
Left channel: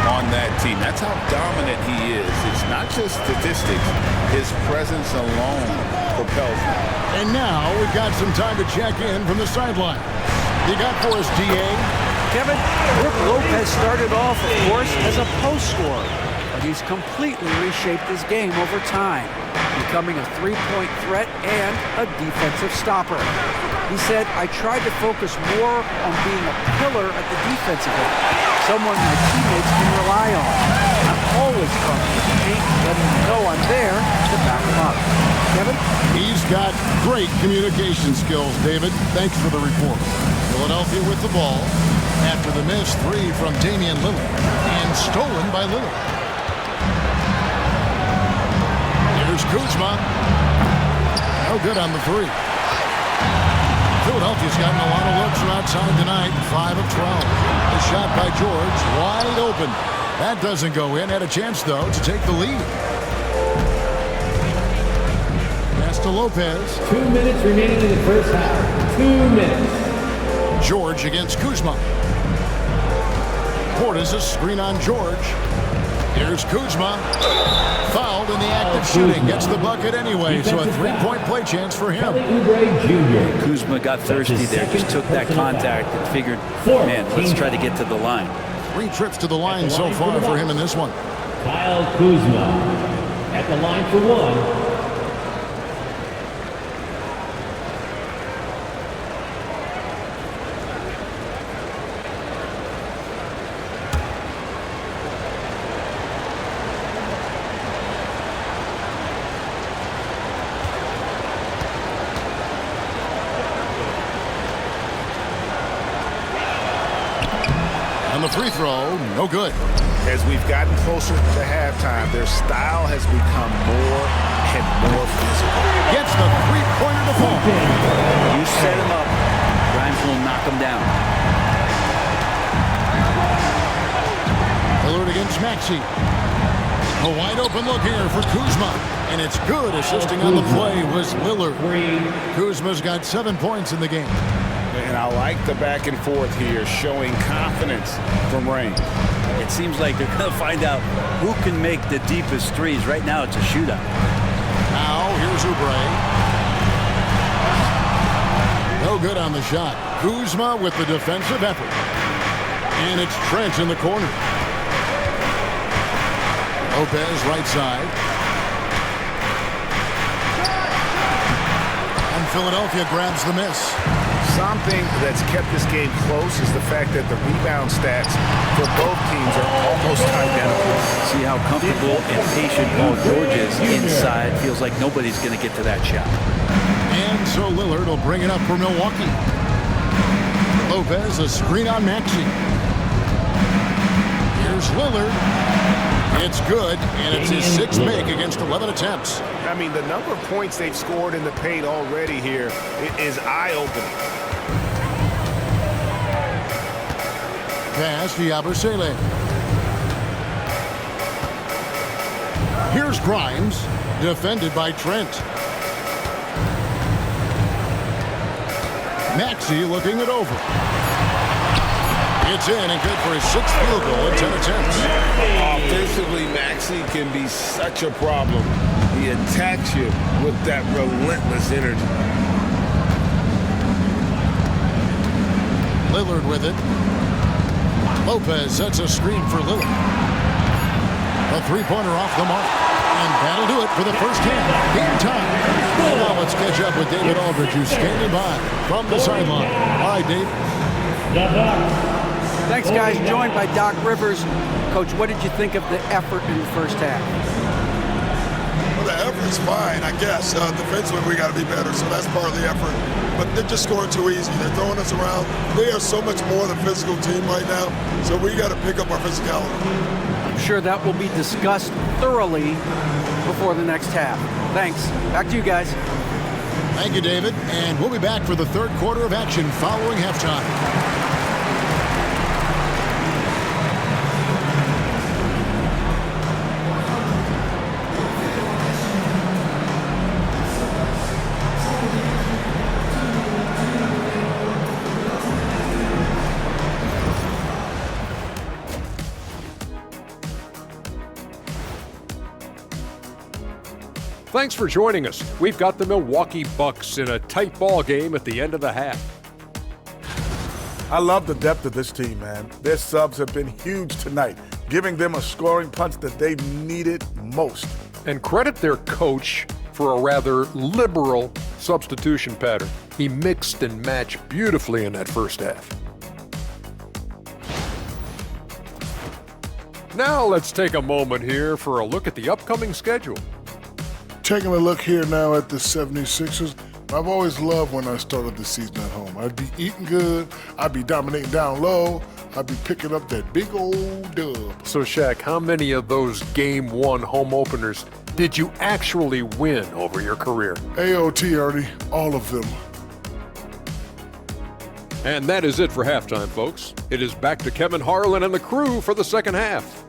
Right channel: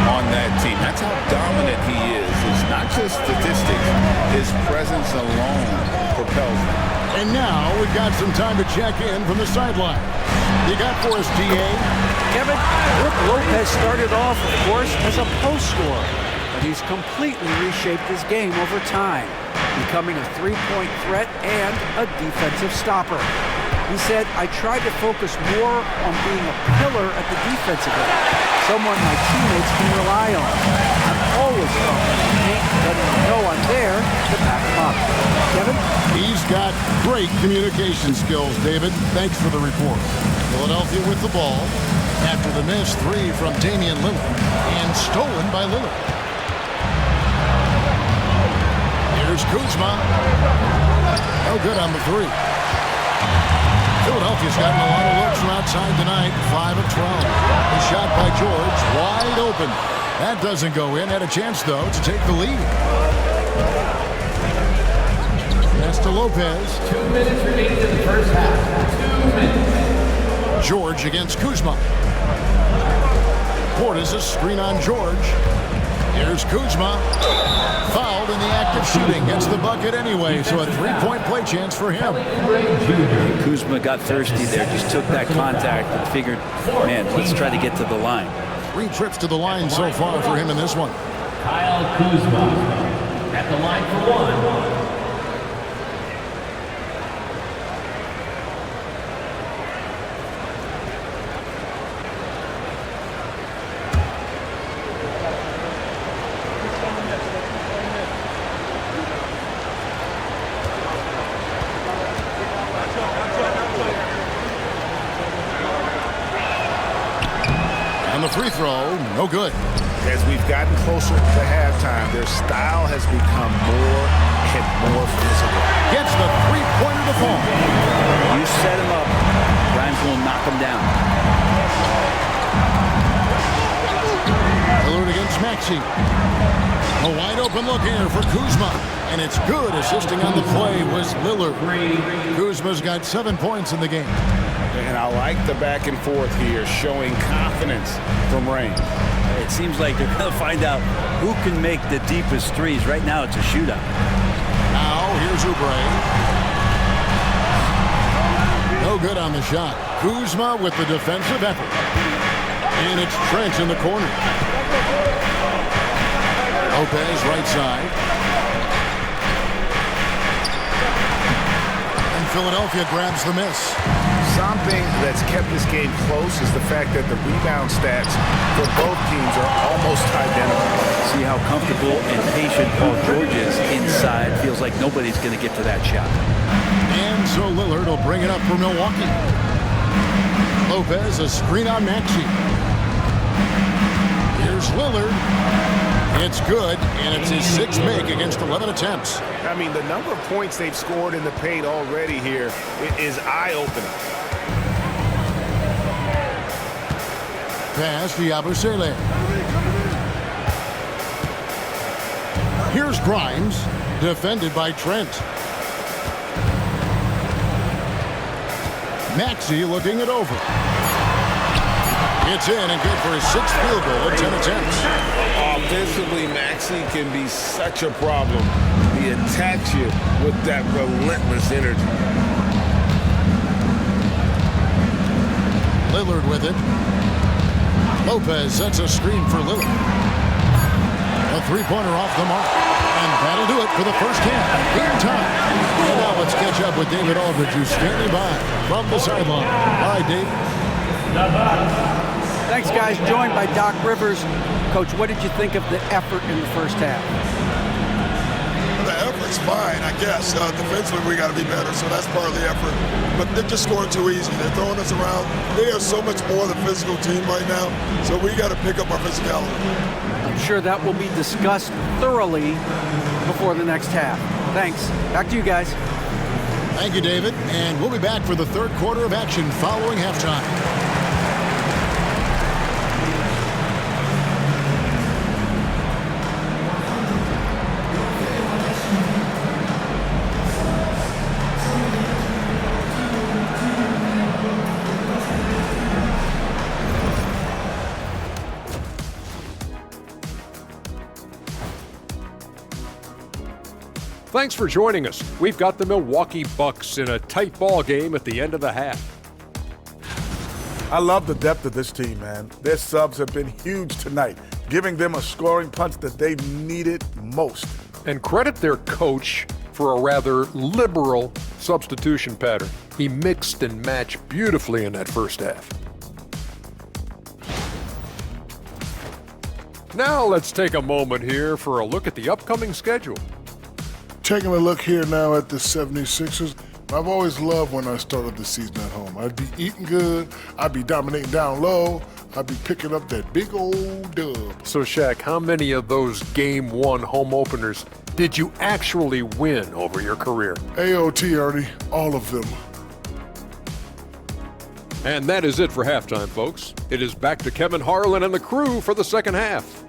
on that team. That's how dominant he is. It's not just statistics. His presence alone propels them. And now we've got some time to check in from the sideline. You got for us, D.A.? Kevin, Brook Lopez started off, of course, as a post scorer, but he's completely reshaped his game over time, becoming a three-point threat and a defensive stopper. He said, I tried to focus more on being a pillar at the defensive end, someone my teammates can rely on. I'm always talking to the paint, letting them know I'm there to back them up. Kevin? He's got great communication skills, David. Thanks for the report. Philadelphia with the ball after the missed three from Damian Lillard and stolen by Lillard. Here's Kuzma. No good on the three. Philadelphia's gotten a lot of looks from outside tonight, 5 of 12. The shot by George, wide open. That doesn't go in. Had a chance, though, to take the lead. Pass to Lopez. 2 minutes remaining in the first half. 2 minutes. George against Kuzma. Portis, a screen on George. Here's Kuzma. Fouled in the act of shooting. Gets the bucket anyway, so a three-point play chance for him. And Kuzma got thirsty there, just took that contact and figured, man, let's try to get to the line. 3 trips to the line so far for him in this one. Kyle Kuzma at the line for one. On the free throw, no good. As we've gotten closer to halftime, their style has become more and more physical. Gets the three-pointer to fall. You set him up, Grimes will knock him down. Lillard against Maxey. A wide open look here for Kuzma. And it's good. Assisting on the play was Lillard. Kuzma's got 7 points in the game. And I like the back and forth here, showing confidence from range. It seems like they're going to find out who can make the deepest threes. Right now, it's a shootout. Now, here's Oubre. No good on the shot. Kuzma with the defensive effort. And it's Trent in the corner. Lopez, right side. And Philadelphia grabs the miss. Something that's kept this game close is the fact that the rebound stats for both teams are almost identical. See how comfortable and patient Paul George is inside. Feels like nobody's going to get to that shot. And so Lillard will bring it up for Milwaukee. Lopez, a screen on Maxey. Here's Lillard. It's good, and it's his 6th make against 11 attempts. I mean, the number of points they've scored in the paint already here is eye-opening. Pass to Yabusele. Here's Grimes, defended by Trent. Maxey looking it over. It's in and good for his 6th field goal in 10 attempts. Offensively, Maxey can be such a problem He attacks you with that relentless energy. Lillard with it. Lopez sets a screen for Lillard. A three-pointer off the mark. And that'll do it for the first half. Game time. And now let's catch up with David Aldridge, who's standing by from the sideline. All right, Dave. Thanks, guys. Joined by Doc Rivers. Coach, what did you think of the effort in the first half? Well, the effort's fine, I guess. Defensively, we got to be better, so that's part of the effort. But they're just scoring too easy. They're throwing us around. They are so much more than physical team right now, so we got to pick up our physicality. I'm sure that will be discussed thoroughly before the next half. Thanks. Back to you guys. Thank you, David. And we'll be back for the third quarter of action following halftime. Thanks for joining us. We've got the Milwaukee Bucks in a tight ball game at the end of the half. I love the depth of this team, man. Their subs have been huge tonight, giving them a scoring punch that they needed most. And credit their coach for a rather liberal substitution pattern. He mixed and matched beautifully in that first half. Now let's take a moment here for a look at the upcoming schedule. Taking a look here now at the 76ers, I've always loved when I started the season at home. I'd be eating good, I'd be dominating down low, I'd be picking up that big old dub. So Shaq, how many of those Game 1 home openers did you actually win over your career? AOT, Ernie, all of them. And that is it for halftime, folks. It is back to Kevin Harlan and the crew for the second half.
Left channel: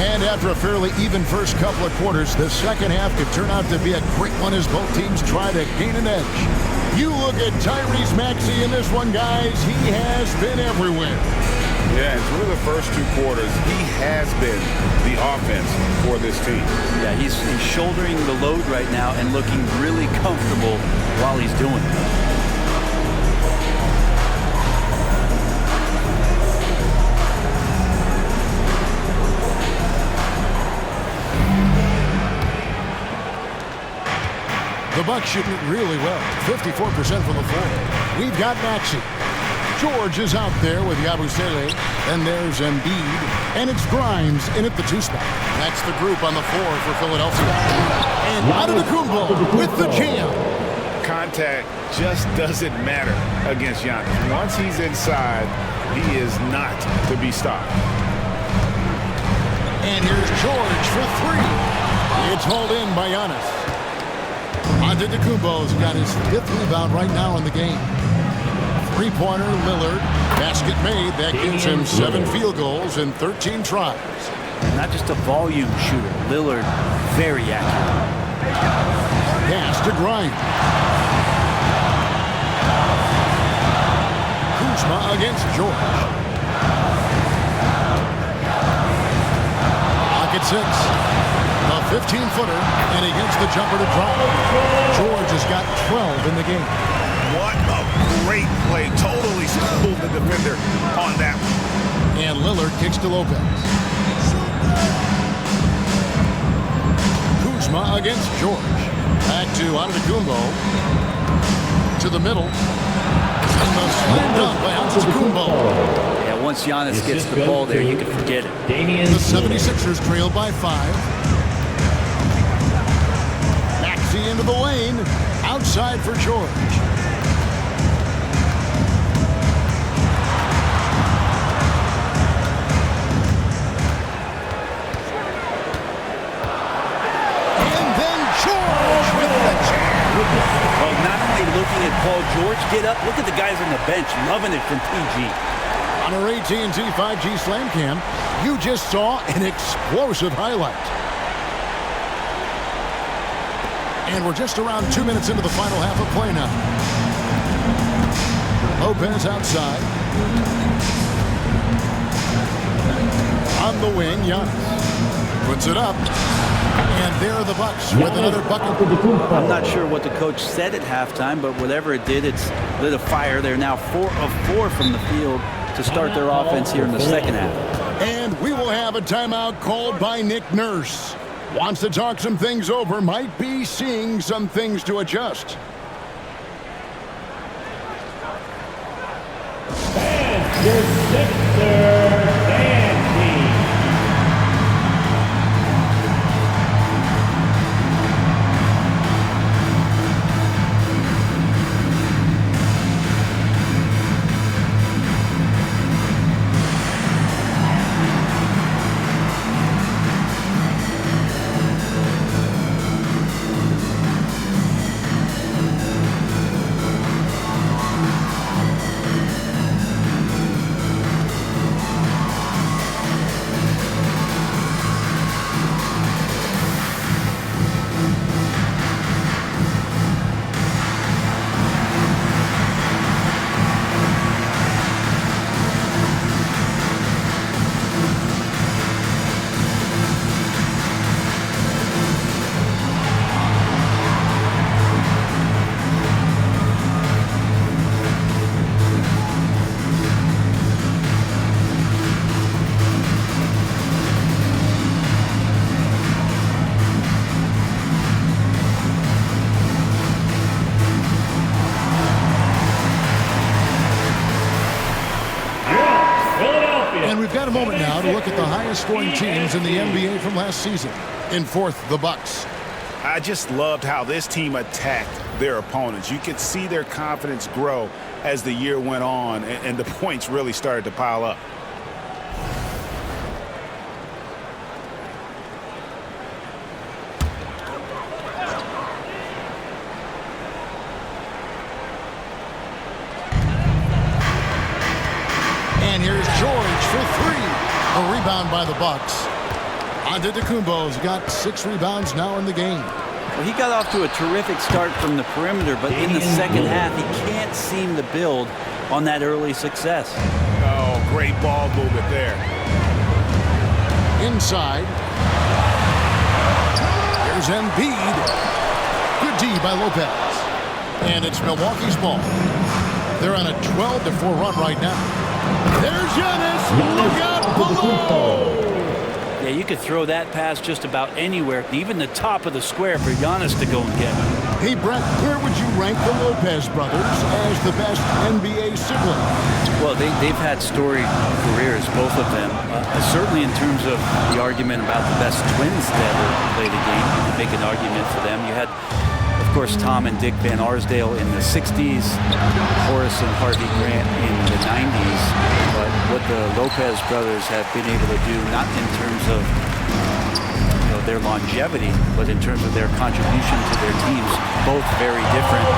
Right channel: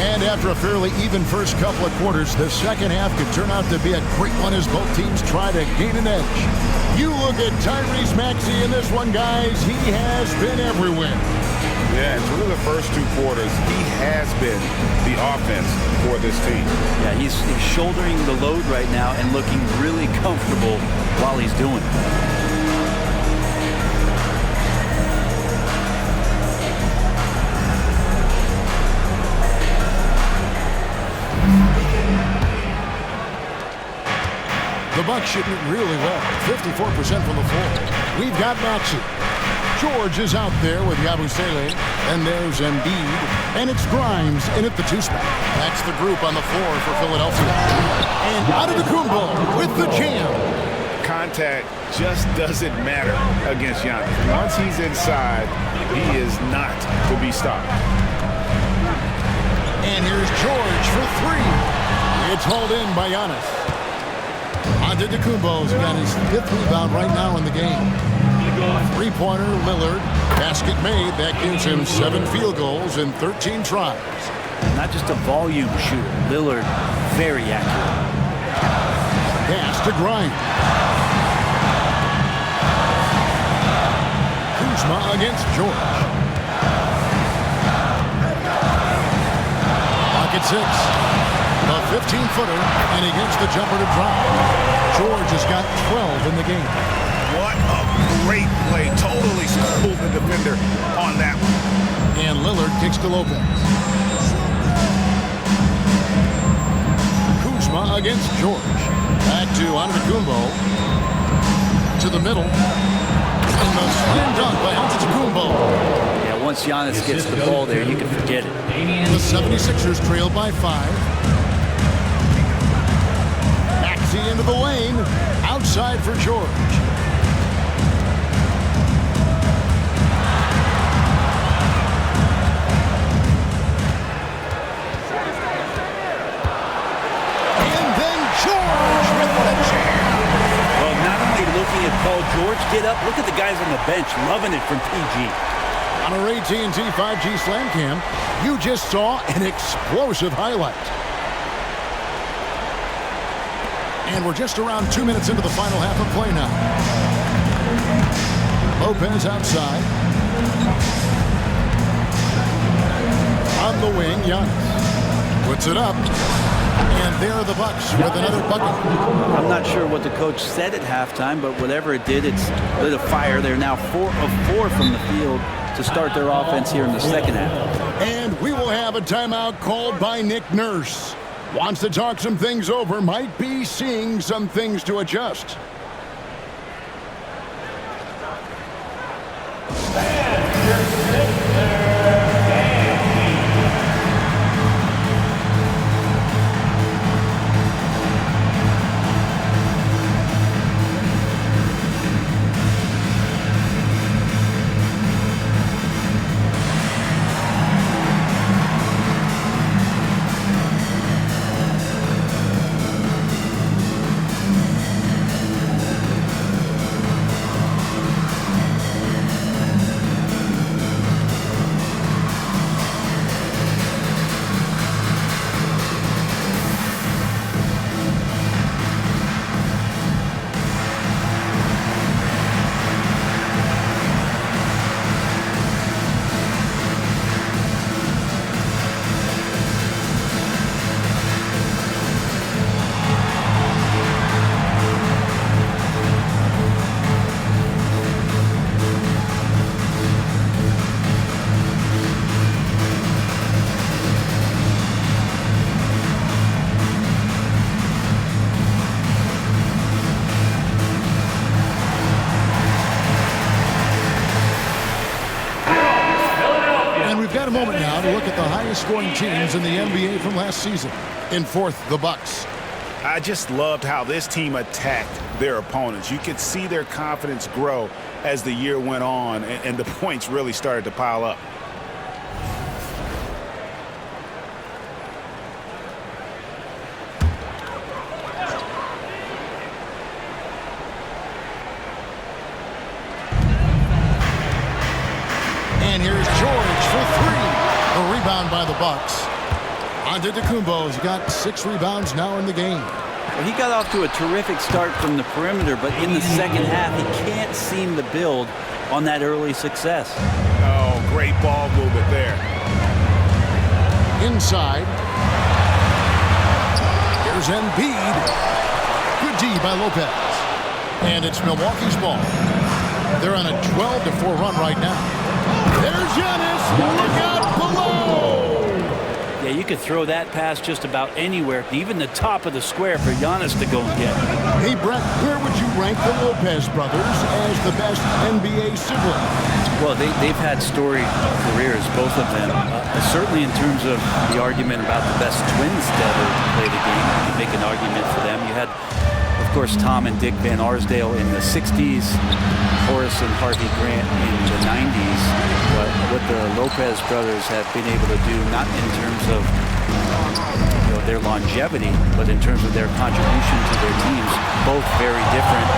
And after a fairly even first couple of quarters, the second half could turn out to be a great one as both teams try to gain an edge. You look at Tyrese Maxey in this one, guys. He has been everywhere. Yeah, and through the first two quarters, he has been the offense for this team. Yeah, he's shouldering the load right now and looking really comfortable while he's doing it. The Bucks shooting it really well, 54% from the floor. We've got Maxey. George is out there with Yabusele. And there's Embiid. And it's Grimes in at the two-spot. That's the group on the floor for Philadelphia. And Antetokounmpo with the jam. Contact just doesn't matter against Giannis. Once he's inside, he is not to be stopped. And here's George for three. It's hauled in by Giannis. Antetokounmpo's got his fifth rebound right now in the game. Three-pointer, Lillard. Basket made. That gives him 7 field goals in 13 tries. And not just a volume shooter. Lillard, very accurate. Pass to Grimes. Kuzma against George. Pocket 6. The 15-footer, and against the jumper to drop. George has got 12 in the game. What a great play. Totally schooled the defender on that one. And Lillard kicks to Lopez. Kuzma against George. Back to Antetokounmpo. To the middle. And the slam dunk by Antetokounmpo. Yeah, once Giannis gets the ball there, you can forget it. The 76ers trail by 5. Maxey into the lane. Outside for George. And then George with the jam. Well, not only looking at Paul George get up, look at the guys on the bench loving it from PG. On our AT&T 5G Slam Cam, you just saw an explosive highlight. And we're just around 2 minutes into the final half of play now. Lopez outside. On the wing, Giannis puts it up. And there are the Bucks with another bucket. I'm not sure what the coach said at halftime, but whatever it did, it's lit a fire. They're now 4 of 4 from the field to start their offense here in the second half. And we will have a timeout called by Nick Nurse. Wants to talk some things over, might be seeing some things to adjust. And your Sixers, We've got a moment now to look at the highest scoring teams in the NBA from last season. In fourth, the Bucks. I just loved how this team attacked their opponents. You could see their confidence grow as the year went on, and the points really started to pile up. And here's George for three. A rebound by the Bucks. Antetokounmpo's got 6 rebounds now in the game. Well, he got off to a terrific start from the perimeter, but in the second half, he can't seem to build on that early success. Oh, great ball movement there. Inside. Here's Embiid. Good D by Lopez. And it's Milwaukee's ball. They're on a 12-4 run right now. There's Giannis. Look out below. Yeah, you could throw that pass just about anywhere, even the top of the square for Giannis to go and get. Hey, Brett, where would you rank the Lopez brothers as the best NBA siblings? Well, they've had storied careers, both of them. Certainly in terms of the argument about the best twins to ever play the game. You could make an argument for them. You had, of course, Tom and Dick Van Arsdale in the 60s, Horace and Harvey Grant in the 90s. But what the Lopez brothers have been able to do, not in terms of their longevity, but in terms of their contribution to their teams, both very different.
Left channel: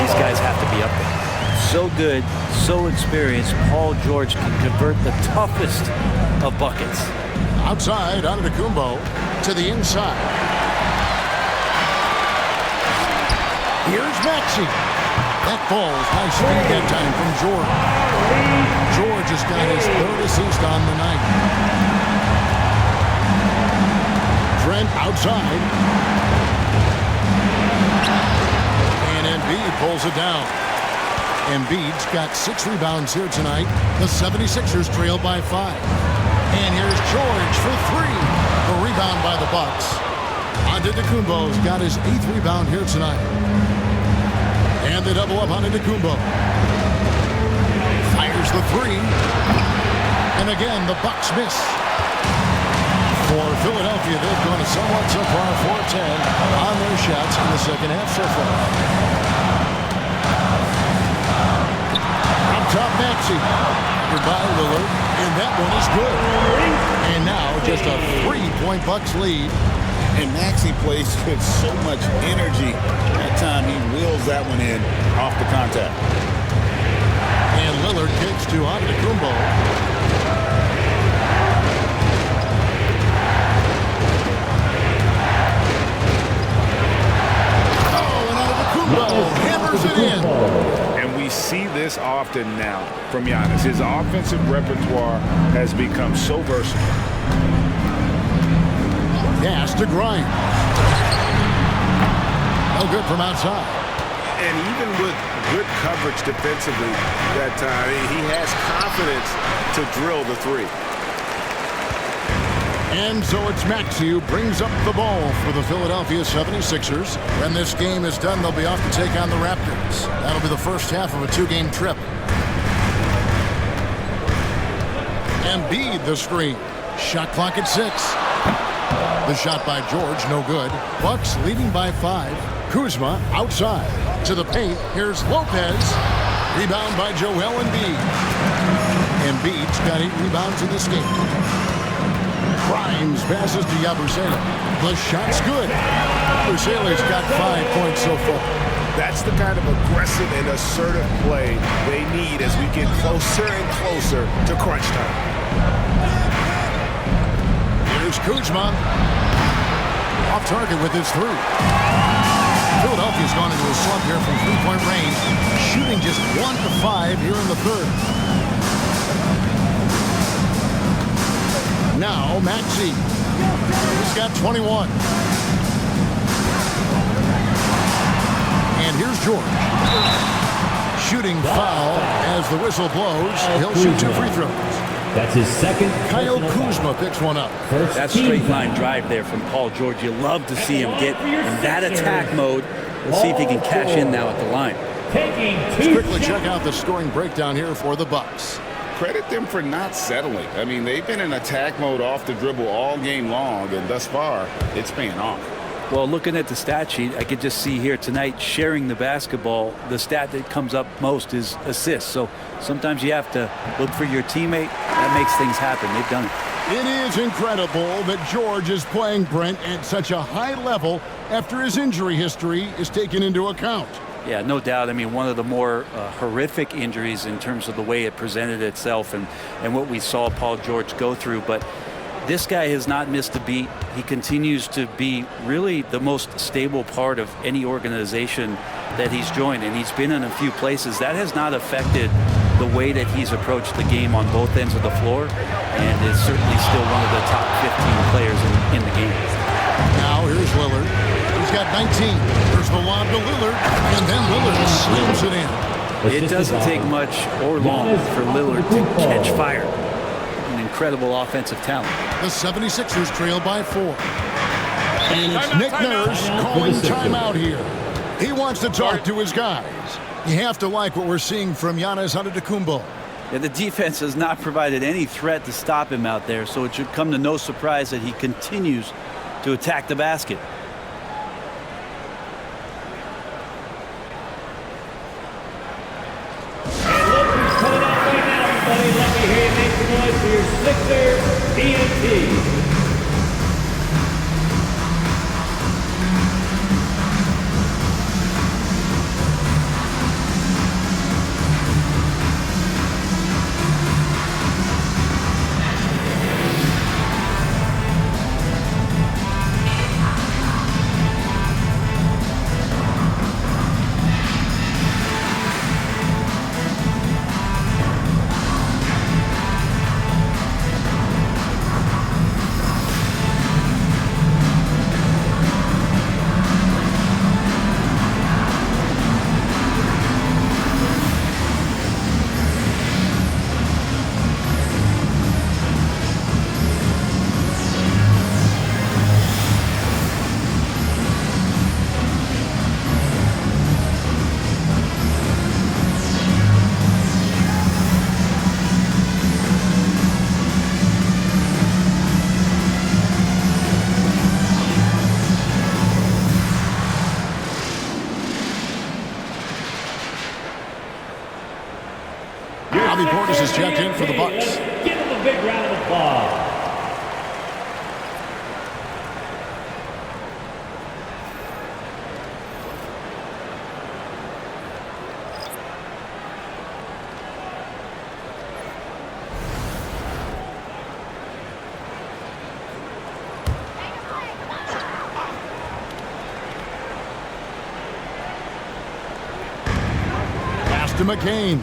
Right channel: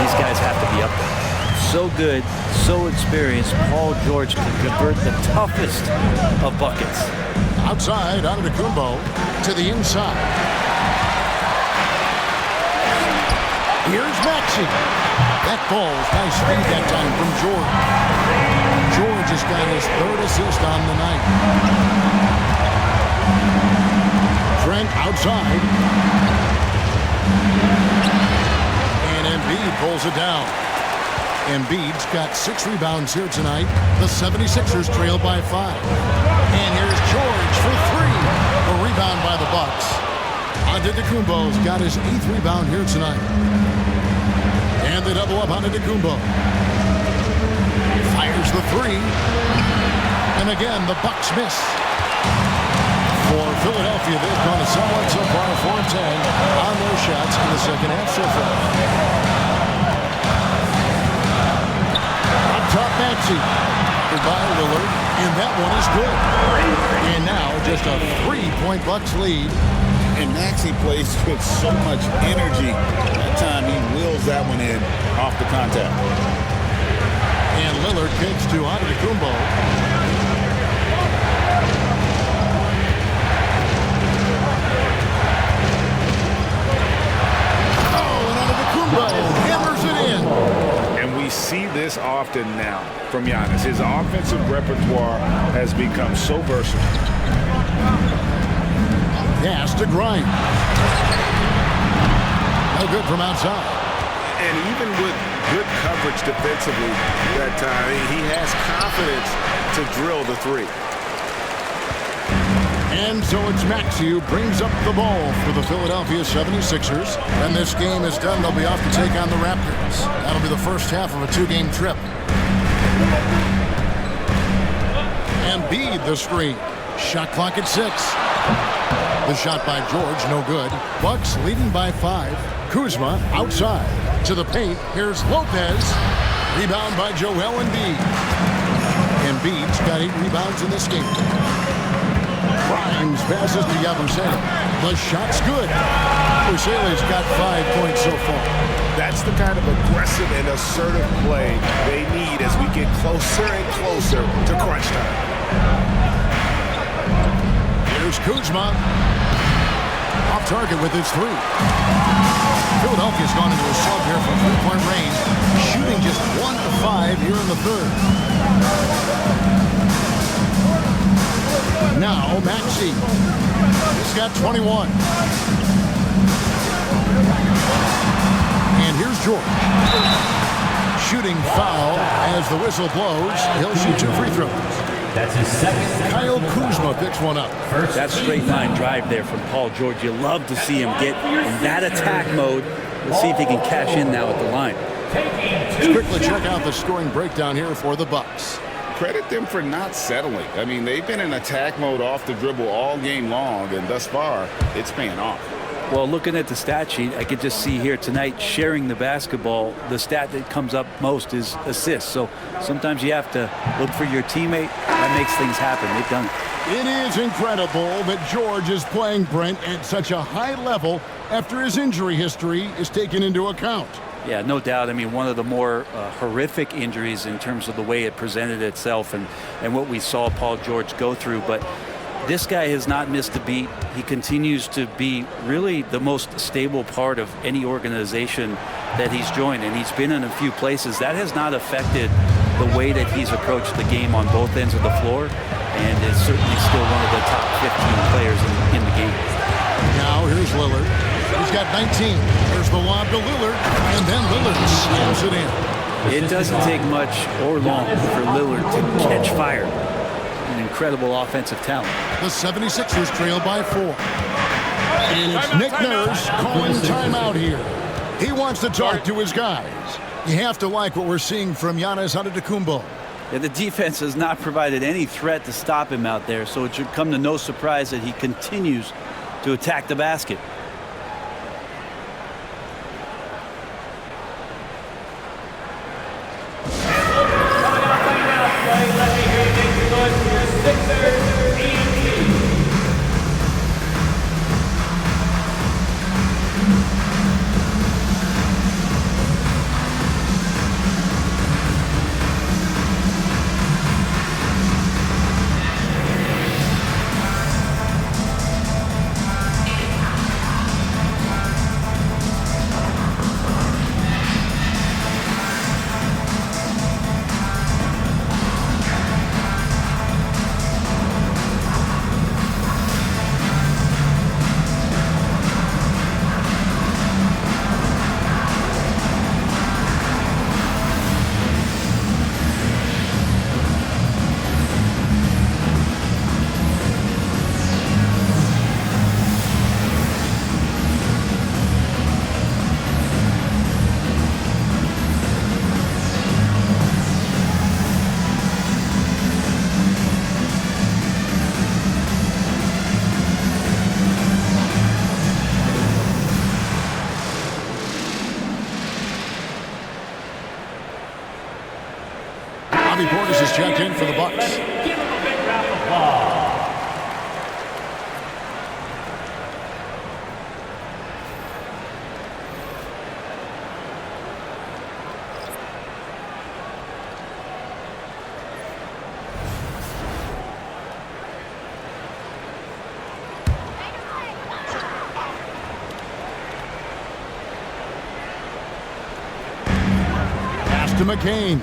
These guys have to be up there. So good, so experienced. Paul George can convert the toughest of buckets. Outside, Antetokounmpo to the inside. Here's Maxey. That falls. Nice feed that time from George. George has got his 3rd assist on the night. Trent outside. And Embiid pulls it down. Embiid's got 6 rebounds here tonight. The 76ers trail by 5. And here's George for 3. A rebound by the Bucks. Antetokounmpo's got his 8th rebound here tonight. And they double up on Antetokounmpo. Fires the 3. And again, the Bucks miss. For Philadelphia, they've gone somewhat so far 4-10 on their shots in the second half so far. Up top, Maxey. By Lillard. And that one is good. And now just a 3-point Bucks lead. And Maxey plays with so much energy. That time he wheels that one in off the contact. And Lillard kicks to Antetokounmpo. Antetokounmpo hammers it in. And we see this often now from Giannis. His offensive repertoire has become so versatile. Pass to Grimes. No good from outside. And even with good coverage defensively that time, he has confidence to drill the three. And so it's Maxey who brings up the ball for the Philadelphia 76ers. When this game is done, they'll be off to take on the Raptors. That'll be the first half of a two-game trip. Embiid the screen. Shot clock at 6. The shot by George, no good. Bucks leading by 5. Kuzma outside to the paint. Here's Lopez. Rebound by Joel Embiid. Embiid's got 8 rebounds in this game. Grimes passes to Yabusele. The shot's good. Yabusele's got 5 points so far. That's the kind of aggressive and assertive play they need as we get closer and closer to crunch time. Here's Kuzma. Off target with his 3. Philadelphia's gone into a slump here from three-point range, shooting just 1 of 5 here in the third. Now Maxey. He's got 21. And here's George. Shooting foul as the whistle blows. He'll shoot 2 free throws. That's his second. Kyle Kuzma picks one up. That straight line drive there from Paul George. You love to see him get in that attack mode. Let's see if he can cash in now at the line. Let's quickly check out the scoring breakdown here for the Bucks. Credit them for not settling. I mean, they've been in attack mode off the dribble all game long, and thus far, it's paying off. Well, looking at the stat sheet, I could just see here tonight sharing the basketball. The stat that comes up most is assists. So sometimes you have to look for your teammate. That makes things happen. They've done it. It is incredible that George is playing, Brent, at such a high level after his injury history is taken into account. Yeah, no doubt. I mean, one of the more horrific injuries in terms of the way it presented itself and what we saw Paul George go through. But this guy has not missed a beat. He continues to be really the most stable part of any organization that he's joined, and he's been in a few places. That has not affected the way that he's approached the game on both ends of the floor, and is certainly still one of the top 15 players in the game. Now here's Lillard. He's got 19. There's the lob to Lillard, and then Lillard slams it in. It doesn't take much or long for Lillard to catch fire. An incredible offensive talent. The 76ers trail by 4. And it's Nick Nurse calling timeout here. He wants to talk to his guys. You have to like what we're seeing from Giannis Antetokounmpo. Yeah, the defense has not provided any threat to stop him out there, so it should come to no surprise that he continues to attack the basket. Bobby Portis is checked in for the Bucks. Give him a big round of applause. to McCain.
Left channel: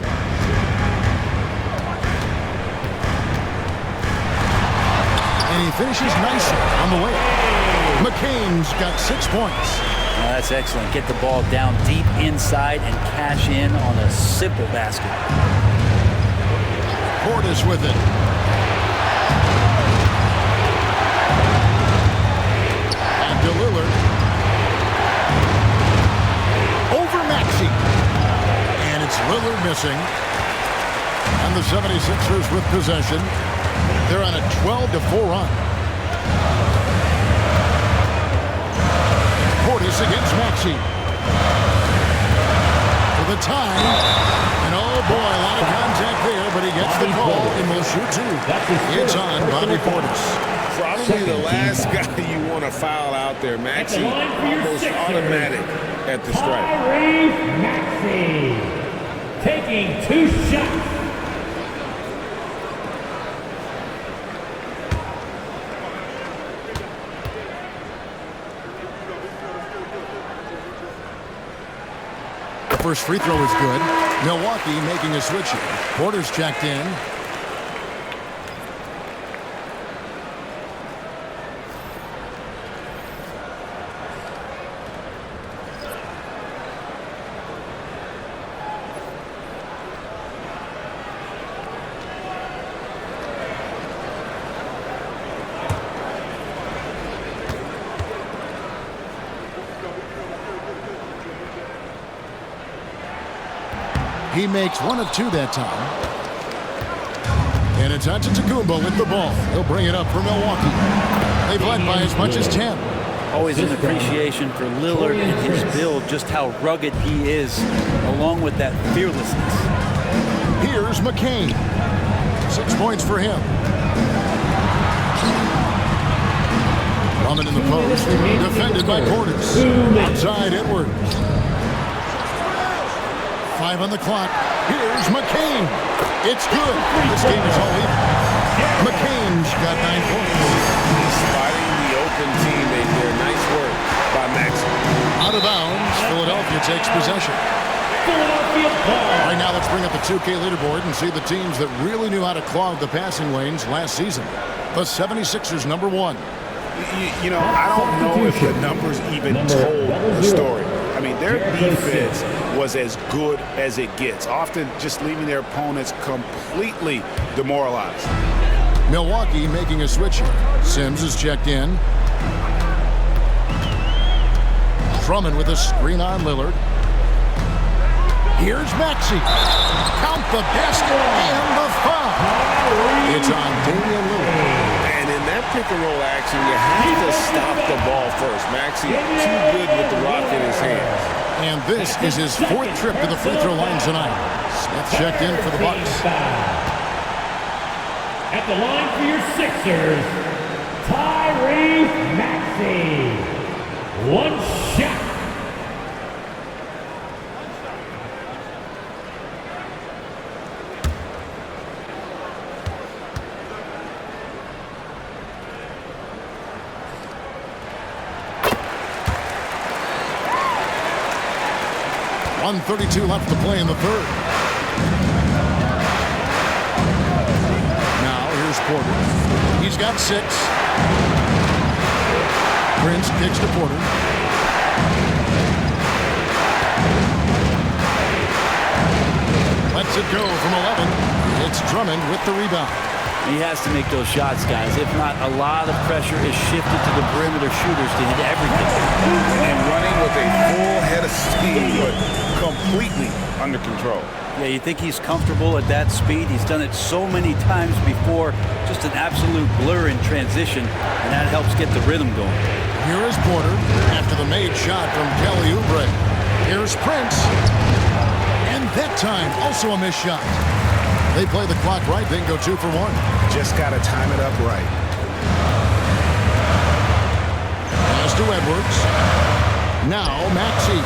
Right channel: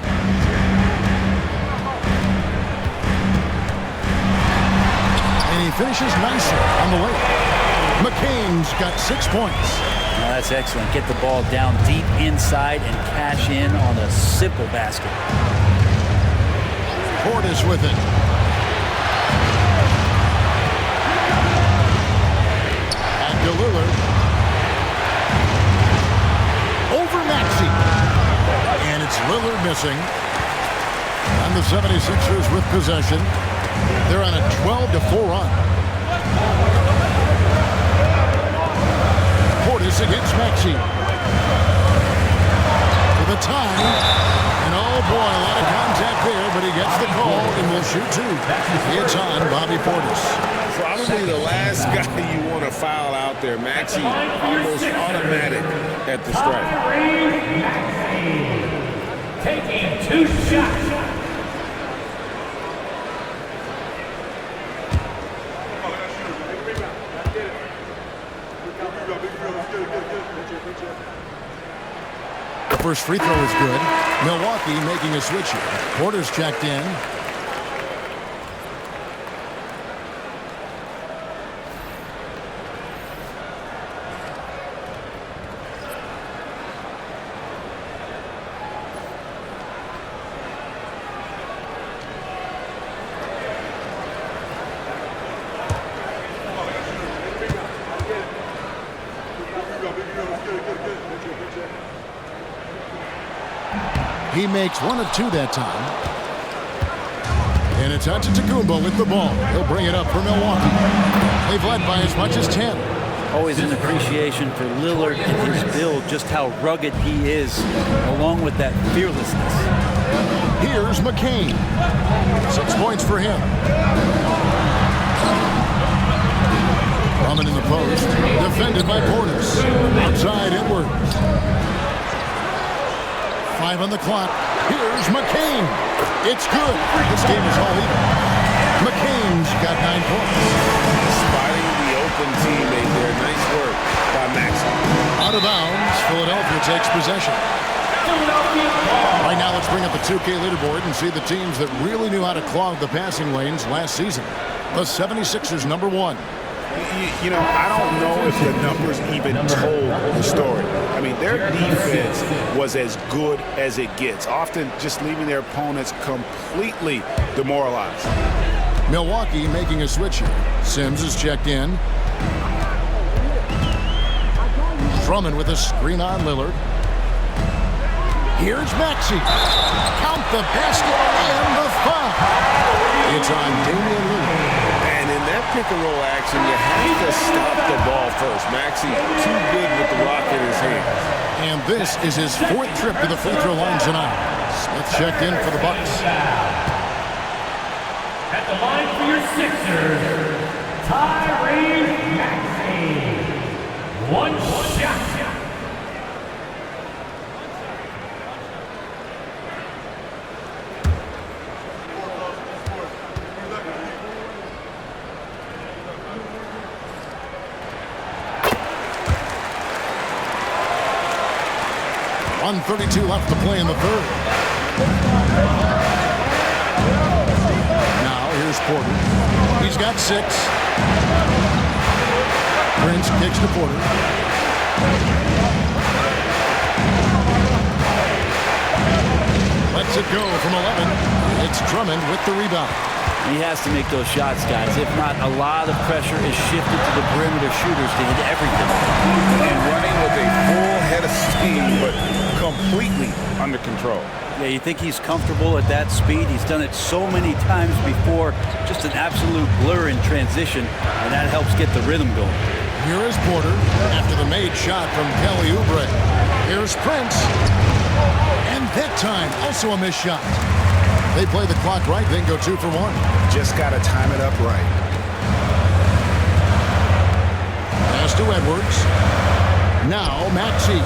And he finishes nicely on the way. McCain's got 6 points. Now that's excellent. Get the ball down deep inside and cash in on a simple basket. Portis with it. And to Lillard. Over Maxey. And it's Lillard missing. And the 76ers with possession. They're on a 12-4 run. Portis against Maxey. For the time. And oh boy, a lot of contact there, but he gets the call and will shoot 2. It's on Bobby Portis. Probably the last guy you want to foul out there. Maxey almost automatic at the strike. Maxey taking 2 shots. The first free throw is good. Milwaukee making a switch here. Porter's checked in. He makes 1 of 2 that time. And it's Antetokounmpo with the ball. He'll bring it up for Milwaukee. They've led by as much as 10. Always an appreciation for Lillard and his build, just how rugged he is, along with that fearlessness. Here's McCain. 6 points for him. Drummond in the post. Defended by Portis. Outside Edwards. 5 on the clock. Here's McCain. It's good. This game is all even. McCain's got 9 points. Spotting the open teammate there. Nice work by Maxey. Out of bounds. Philadelphia takes possession. Philadelphia ball. Right now, let's bring up the 2K leaderboard and see the teams that really knew how to clog the passing lanes last season. The 76ers, number 1. You know, I don't know if the numbers even told the story. I mean, their defense was as good as it gets, often just leaving their opponents completely demoralized. Milwaukee making a switch here. Sims is checked in. Drummond with a screen on Lillard. Here's Maxey. Count the basket and the foul. It's on Damian Lillard. And in that pick-and-roll action, you have to stop the ball first. Maxey too good with the rock in his hands. And this is his 4th trip to the free throw line tonight. Smith checked in for the Bucks. At the line for your Sixers, Tyrese Maxey. 1 shot. .132 left to play in the 3rd. Now here's Porter. He's got 6. Prince kicks to Porter. Lets it go from 11. It's Drummond with the rebound. He has to make those shots, guys. If not, a lot of pressure is shifted to the perimeter shooters to hit everything. And running with a full head of steam, but completely under control. Yeah, you think he's comfortable at that speed. He's done it so many times before. Just an absolute blur in transition, and that helps get the rhythm going. Here is Porter after the made shot from Kelly Oubre. Here's Prince. And that time, also a missed shot. They play the clock right, then go 2 for 1. Just got to time it up right. Pass to Edwards. Now Maxey.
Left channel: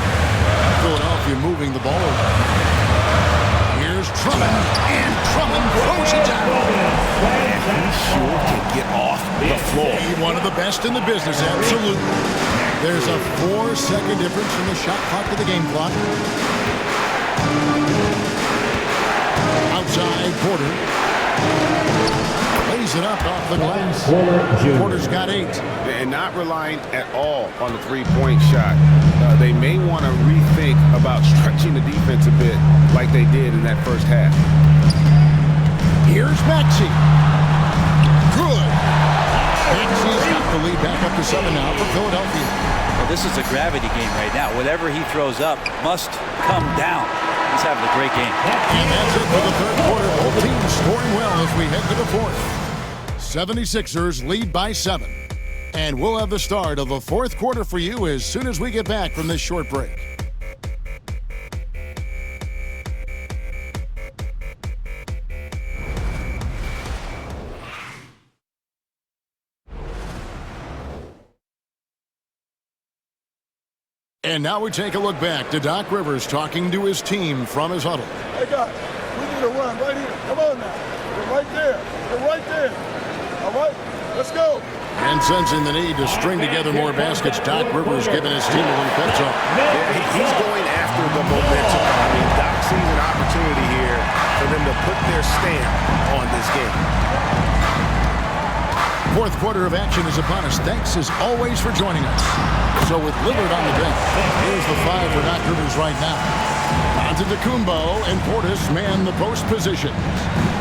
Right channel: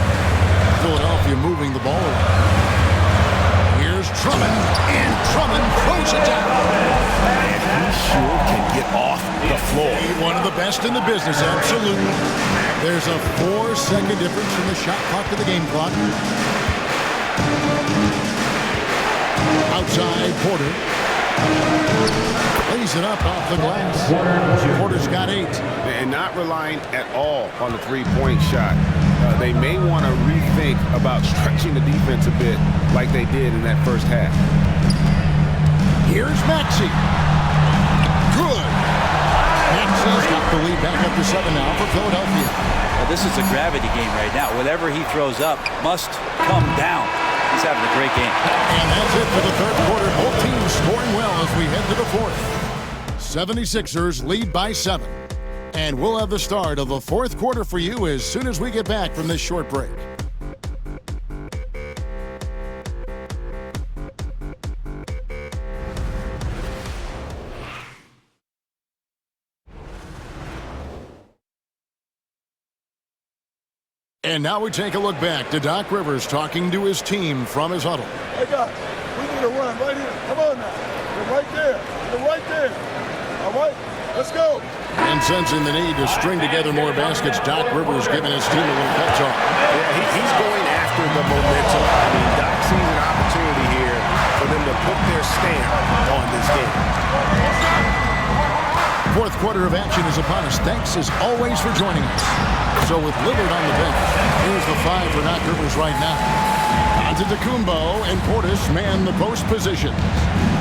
Philadelphia moving the ball around. Here's Drummond, and Drummond throws it down. And he sure can get off the floor. One of the best in the business, absolutely. There's a 4-second difference from the shot clock to the game clock. Outside, Porter. Lays it up off the glass. Porter's got 8. And not relying at all on the three-point shot. They may want to rethink about stretching the defense a bit like they did in that first half. Here's Maxey. Good. Maxey's got the lead back up to 7 now for Philadelphia. Well, this is a gravity game right now. Whatever he throws up must come down. He's having a great game. And that's it for the third quarter. Both teams scoring well as we head to the fourth. 76ers lead by 7. And we'll have the start of the fourth quarter for you as soon as we get back from this short break. And now we take a look back to Doc Rivers talking to his team from his huddle. Hey, guys, we need a run right here. Come on now. You're right there. You're right there. All right, let's go. And sensing the need to string together more baskets, Doc Rivers giving his team a little pep talk. Yeah, he's going after the momentum. I mean, Doc sees an opportunity here for them to put their stamp on this game. Fourth quarter of action is upon us. Thanks as always for joining us. So with Lillard on the bench, here's the 5 for Doc Rivers right now. Antetokounmpo and Portis man the post positions.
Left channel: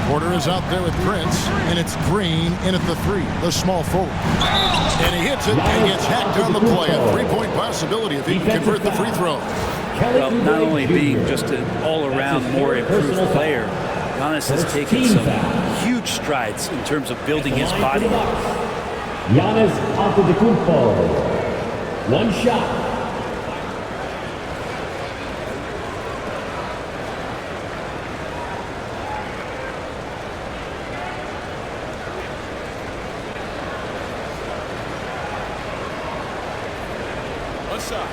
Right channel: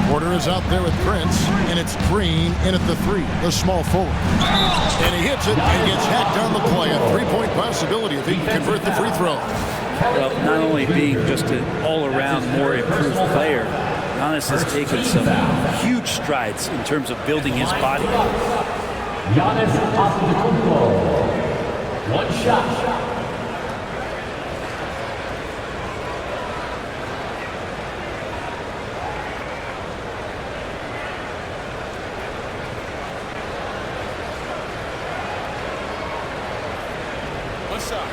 Porter is out there with Prince, and it's Green in at the 3, the small forward. And he hits it and gets hacked on the play. A 3-point possibility if he can convert the free throw. Well, not only being just an all-around more improved player, Giannis has taken some huge strides in terms of building his body. Giannis Antetokounmpo. One shot. One shot.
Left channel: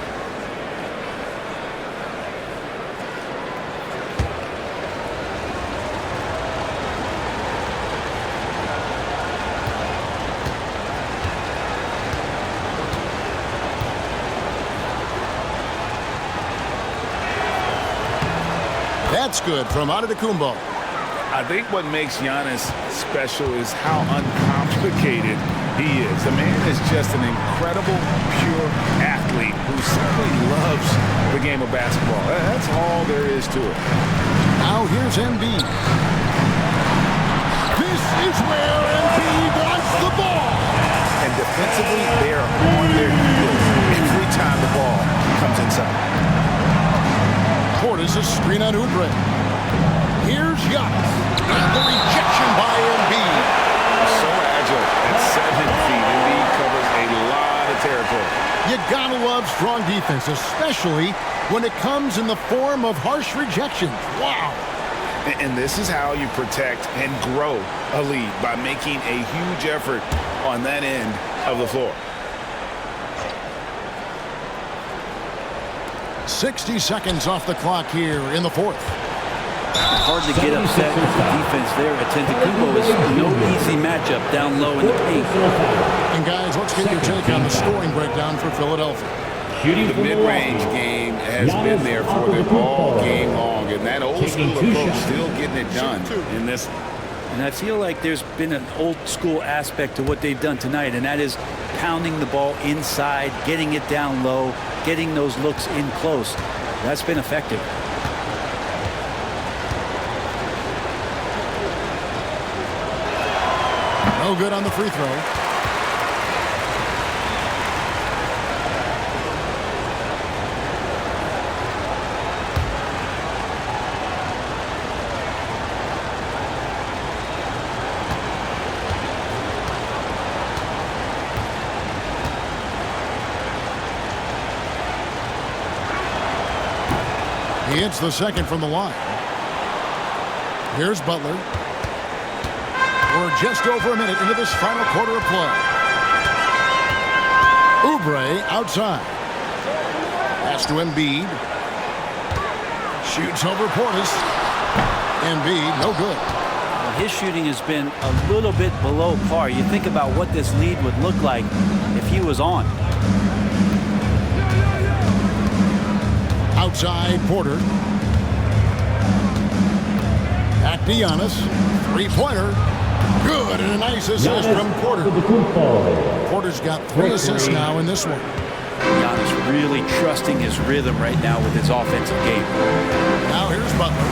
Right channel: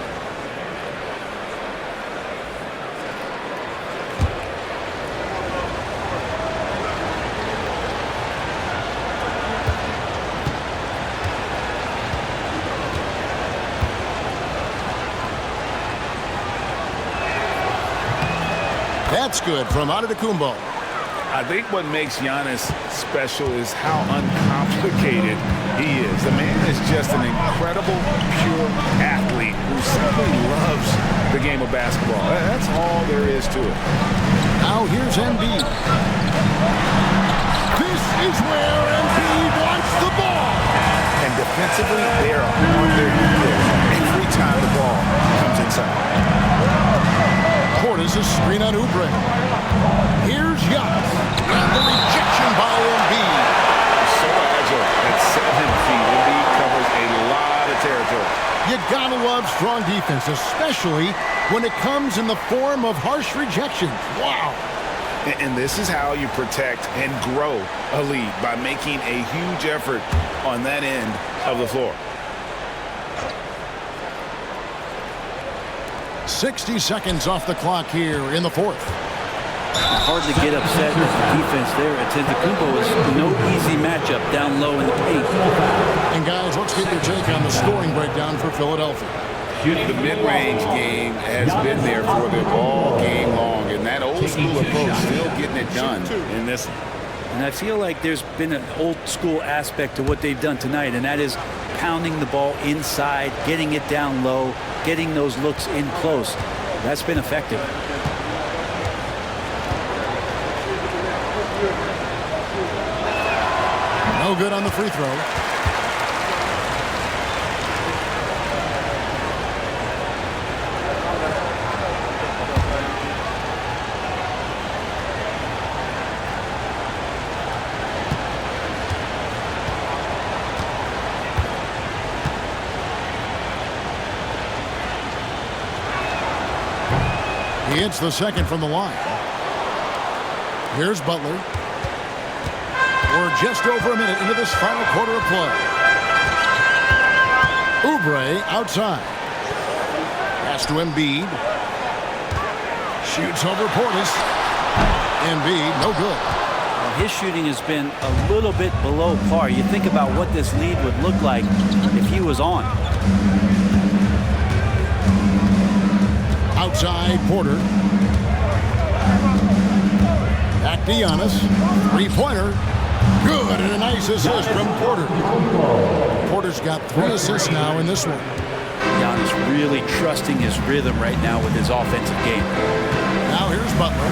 That's good from Antetokounmpo. I think what makes Giannis special is how uncomplicated he is. The man is just an incredible, pure athlete who simply loves the game of basketball. That's all there is to it. Now here's Embiid. This is where Embiid wants the ball. And defensively, they are on their heels every time the ball comes inside. Portis a screen on Oubre. Here's Giannis. And the rejection by Embiid. So agile at 7 feet. Embiid covers a lot of territory. You gotta love strong defense, especially when it comes in the form of harsh rejections. Wow. And this is how you protect and grow a lead, by making a huge effort on that end of the floor. 60 seconds off the clock here in the fourth. Hard to get upset at the defense there. Antetokounmpo is no easy matchup down low in the paint. And guys, let's get your take on the scoring breakdown for Philadelphia. The mid-range game has been there for them all game long, and that old school approach still getting it done in this one. And I feel like there's been an old school aspect to what they've done tonight, and that is pounding the ball inside, getting it down low, getting those looks in close. That's been effective. No good on the free throw. He hits the second from the line. Here's Butler. We're just over a minute into this final quarter of play. Oubre outside. Pass to Embiid. Shoots over Portis. Embiid, no good. Well, his shooting has been a little bit below par. You think about what this lead would look like if he was on. Outside Porter. Back to to Giannis. Three-pointer. Good, and a nice assist from Porter. Porter's got 3 assists now in this one. Giannis really trusting his rhythm right now with his offensive game. Now here's Butler.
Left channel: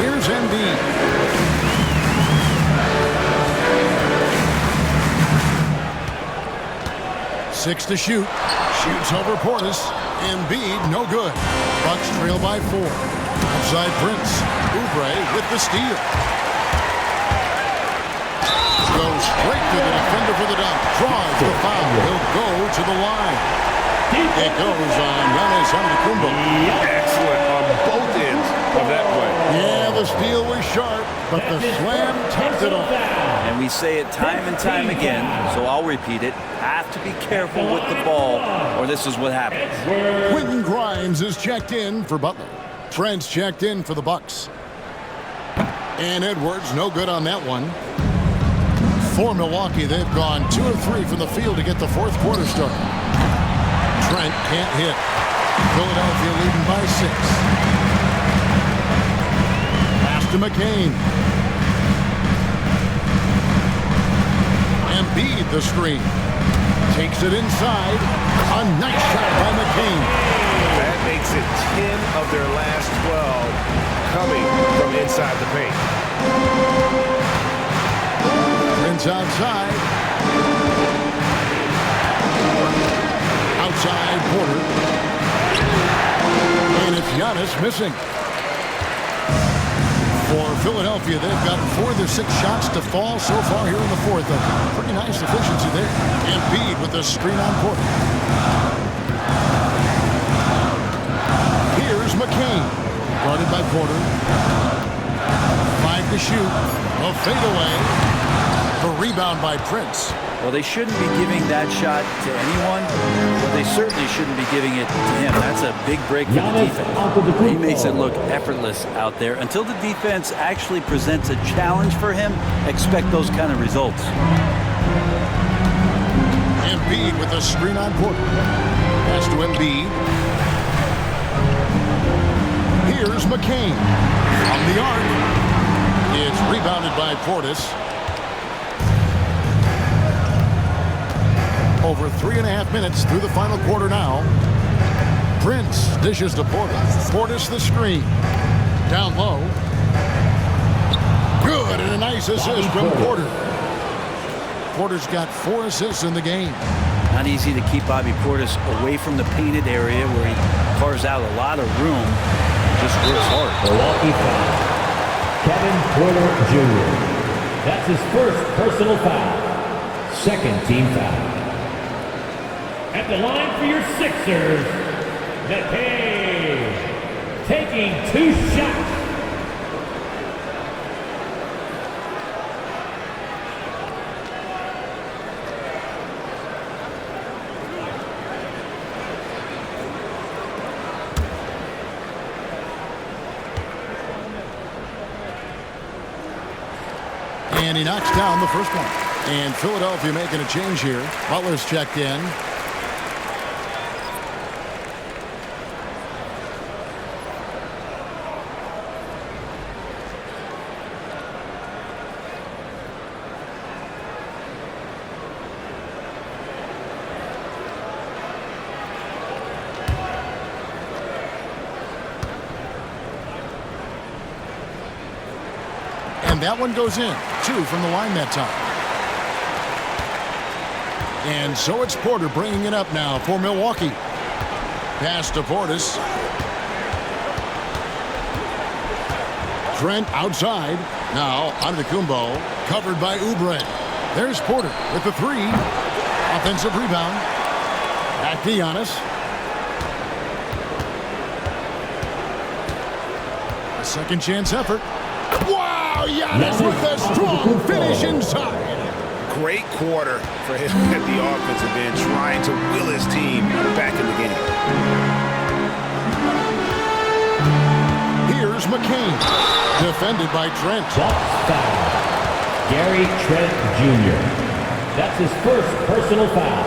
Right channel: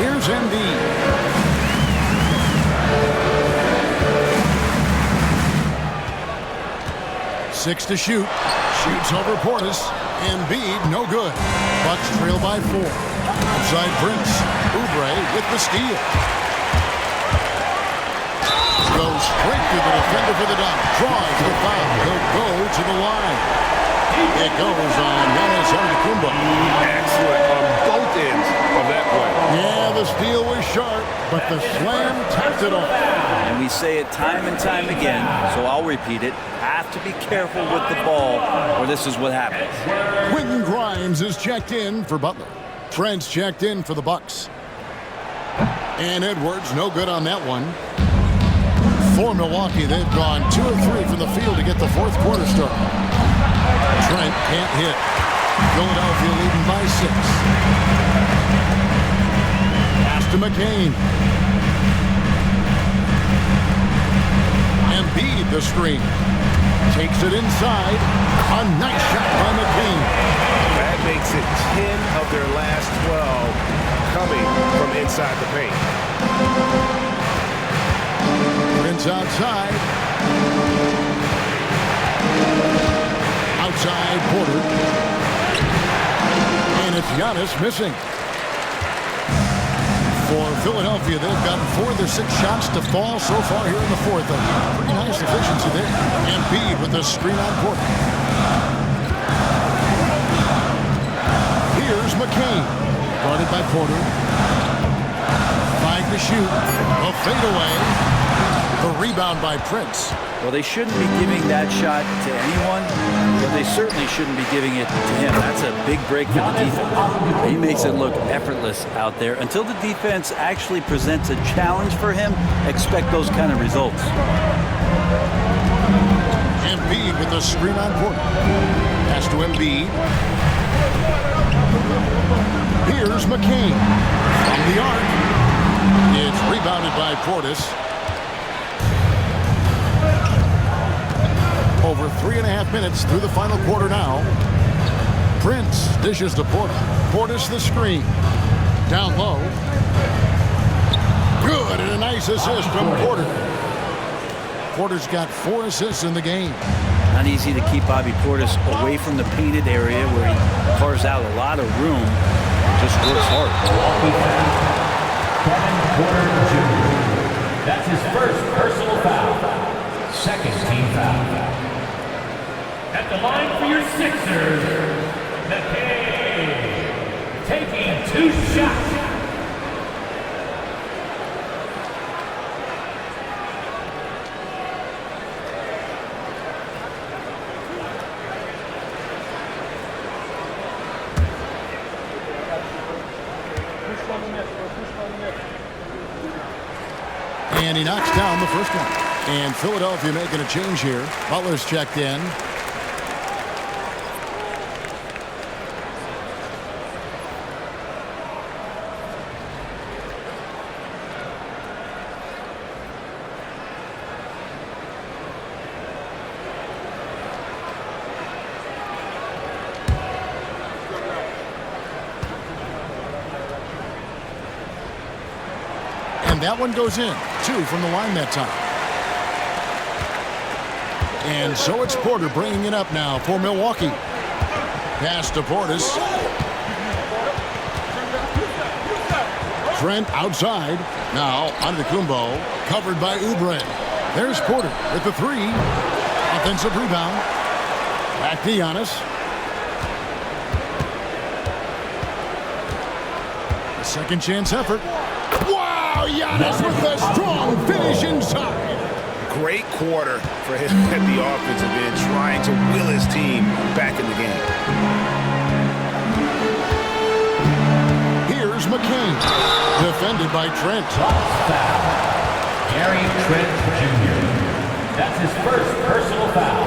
Here's Embiid. Six to shoot. Shoots over Portis. Embiid, no good. Bucks trail by 4. Outside Prince. Oubre with the steal. Goes straight to the defender for the dunk. Draws the foul. He'll go to the line. It goes on Giannis Antetokounmpo. Excellent on both ends of that play. Yeah, the steal was sharp, but the slam tapped it off. And we say it time and time again, so I'll repeat it. Have to be careful with the ball, or this is what happens. Quentin Grimes is checked in for Butler. Trent's checked in for the Bucks. And Edwards, no good on that one. For Milwaukee, they've gone 2 of 3 from the field to get the fourth quarter started. Trent can't hit. Philadelphia leading by 6. Pass to McCain. Embiid the screen. Takes it inside. A nice shot by McCain. That makes it 10 of their last 12 coming from inside the paint. Prince outside. Outside Porter. And it's Giannis missing. For Philadelphia, they've gotten 4 of their 6 shots to fall so far here in the fourth. A pretty nice efficiency there. Embiid with the screen on Porter. Here's McCain. Guarded by Porter. 5 to shoot. A fadeaway. The rebound by Prince. Well, they shouldn't be giving that shot to anyone, but they certainly shouldn't be giving it to him. That's a big break for the defense. He makes it look effortless out there. Until the defense actually presents a challenge for him, expect those kind of results. Embiid with the screen on Porter. Pass to Embiid. Here's McCain. From the arc. It's rebounded by Portis. Over 3.5 minutes through the final quarter now. Prince dishes to Portis. Portis the screen. Down low. Good, and a nice assist from Porter. Porter's got 4 assists in the game. Not easy to keep Bobby Portis away from the painted area where he carves out a lot of room and just works hard. Milwaukee foul. Kevin Porter Jr. That's his first personal foul. Second team foul. At the line for your Sixers, McCain taking 2 shots. And he knocks down the first one. And Philadelphia making a change here. Butler's checked in. And that one goes in. 2 from the line that time. And so it's Porter bringing it up now for Milwaukee. Pass to Portis. Trent outside. Now Antetokounmpo covered by Oubre. There's Porter with the 3. Offensive rebound. Back to Giannis. A second chance effort. Wow, Giannis with a strong finish inside. Great quarter for him at the offensive end, trying to will his team back in the game. Here's McCain, defended by Trent. Bucks foul. Gary Trent Jr. That's his first personal foul.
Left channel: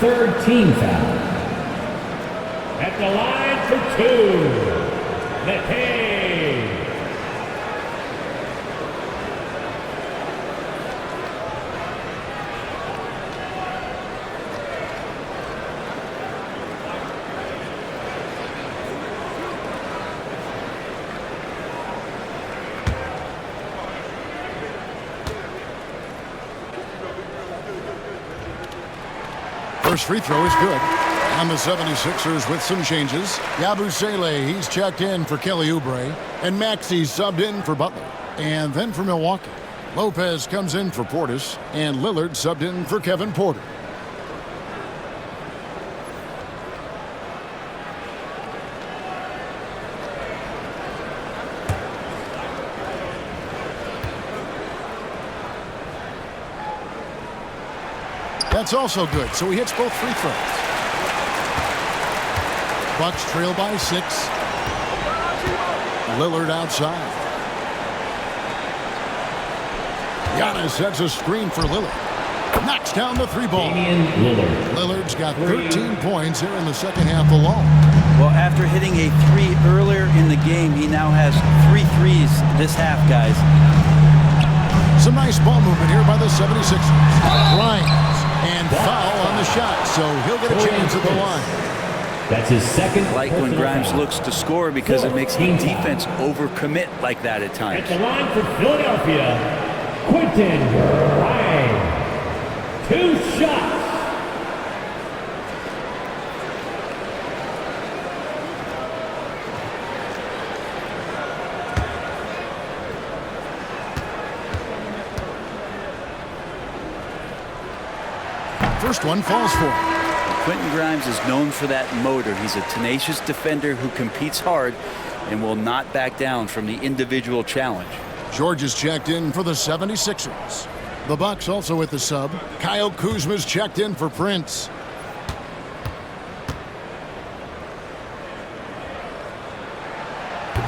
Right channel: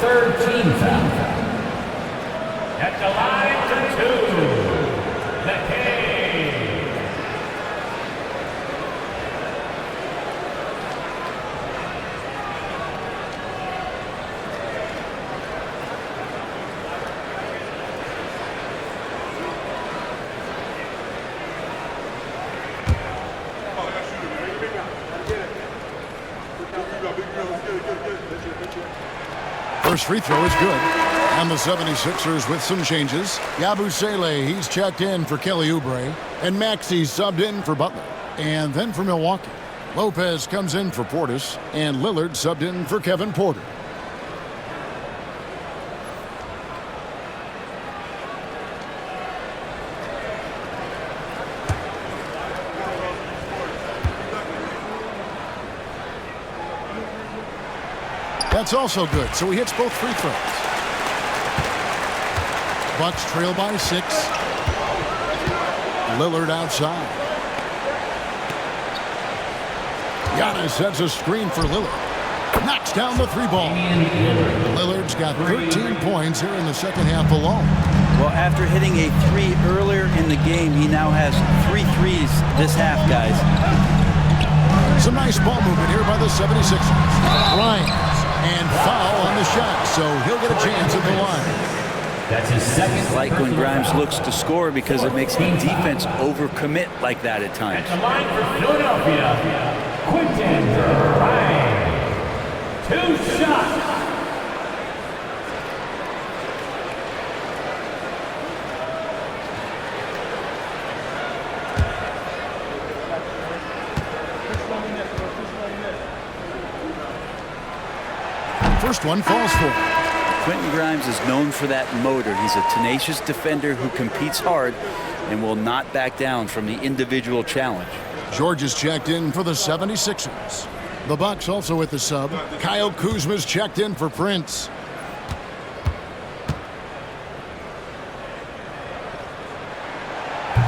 Third team foul. At the line for 2. McKay. First free throw is good. And the 76ers with some changes. Yabusele, he's checked in for Kelly Oubre. And Maxey subbed in for Butler. And then for Milwaukee, Lopez comes in for Portis. And Lillard subbed in for Kevin Porter. That's also good, so he hits both free throws. Bucks trail by 6. Lillard outside. Giannis sets a screen for Lillard. Knocks down the 3-ball. Lillard's got 13 points here in the second half alone. Well, after hitting a 3 earlier in the game, he now has 3 threes this half, guys. Some nice ball movement here by the 76ers. Grimes. And foul on the shot, so he'll get a chance at the line. That's his second. Like when Grimes looks to score because it makes the defense overcommit like that at times. At the line for Philadelphia, Quentin Grimes. 2 shots. First one falls for him. Quentin Grimes is known for that motor. He's a tenacious defender who competes hard and will not back down from the individual challenge. George is checked in for the 76ers. The Bucks also with the sub. Kyle Kuzma's checked in for Prince.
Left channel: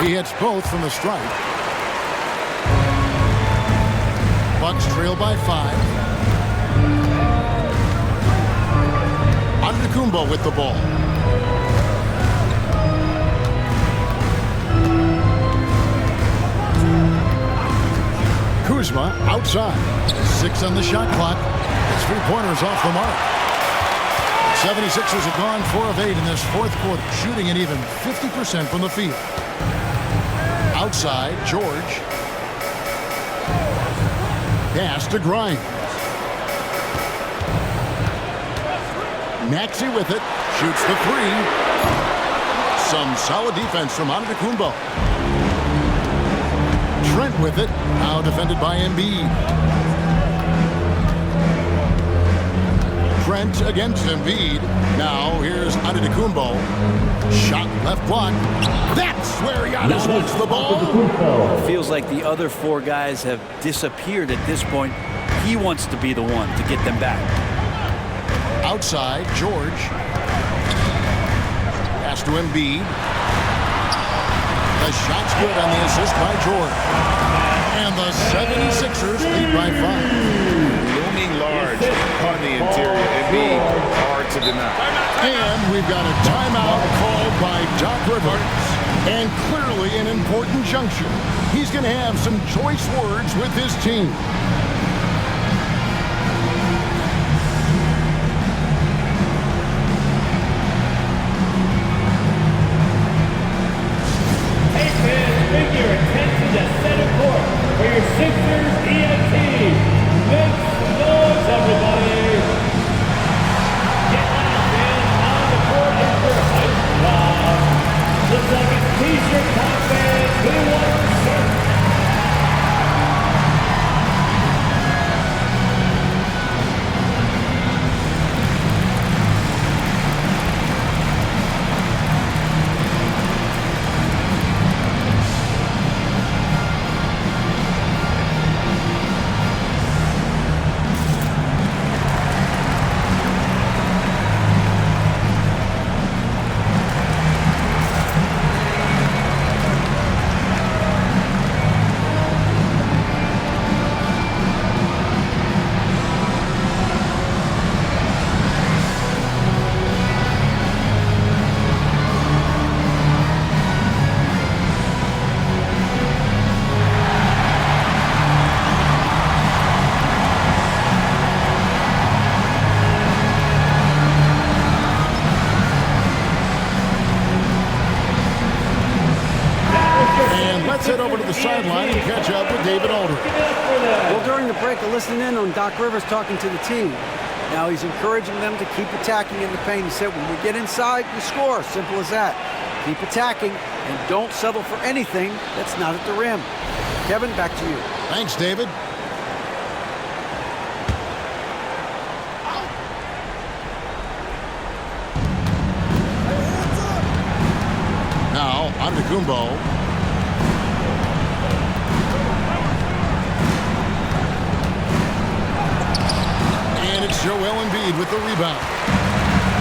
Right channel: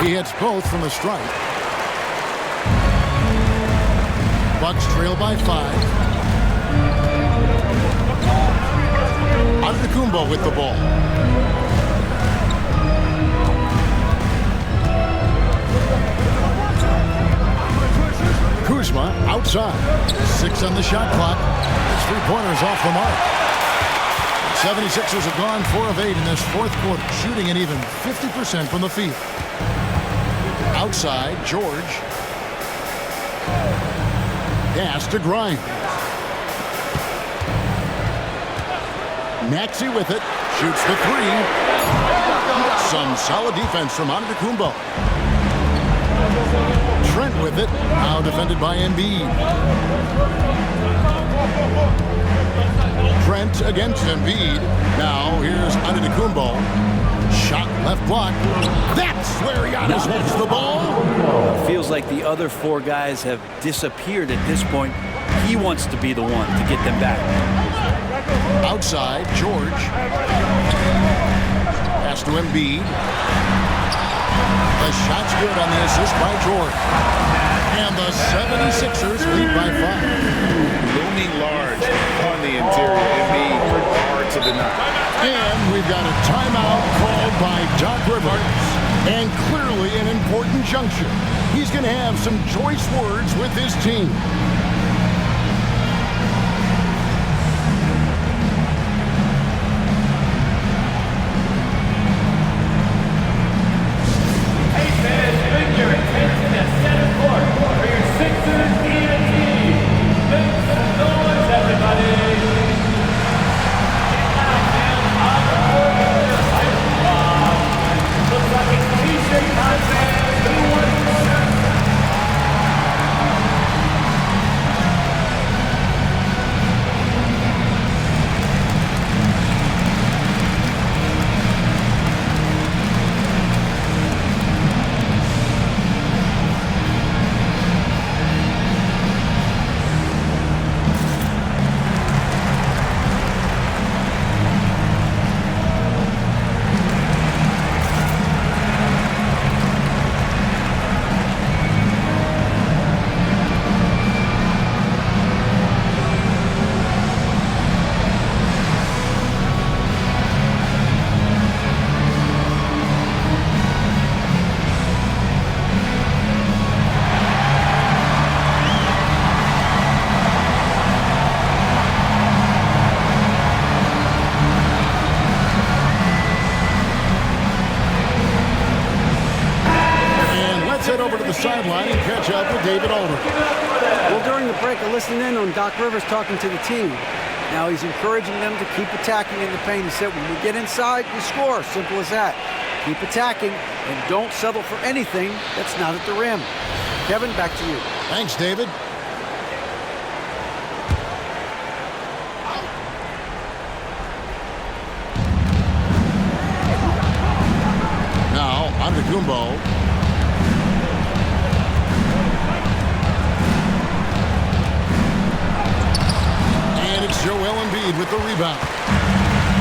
He hits both from the stripe. Bucks trail by 5. Antetokounmpo with the ball. Kuzma outside. 6 on the shot clock. His 3-pointers off the mark. The 76ers have gone 4 of 8 in this fourth quarter, shooting an even 50% from the field. Outside, George. Pass to Grimes. Maxey with it, shoots the 3. Some solid defense from Antetokounmpo. Trent with it, now defended by Embiid. Trent against Embiid. Now here's Antetokounmpo. Shot left block. That's where Giannis wants the ball. It feels like the other 4 guys have disappeared at this point. He wants to be the one to get them back. Outside, George. Pass to Embiid. The shot's good on the assist by George. And the 76ers lead by 5. Looming large on the interior. Embiid, hard to deny. And we've got a timeout called by Doc Rivers. And clearly an important juncture. He's going to have some choice words with his team. And let's head over to the sideline and catch up with David Aldridge. Well, during the break, I listened in on Doc Rivers talking to the team. Now he's encouraging them to keep attacking in the paint. He said, when we get inside, you score. Simple as that. Keep attacking and don't settle for anything that's not at the rim. Kevin, back to you. Thanks, David. Now, Antetokounmpo. And it's Joel Embiid with the rebound.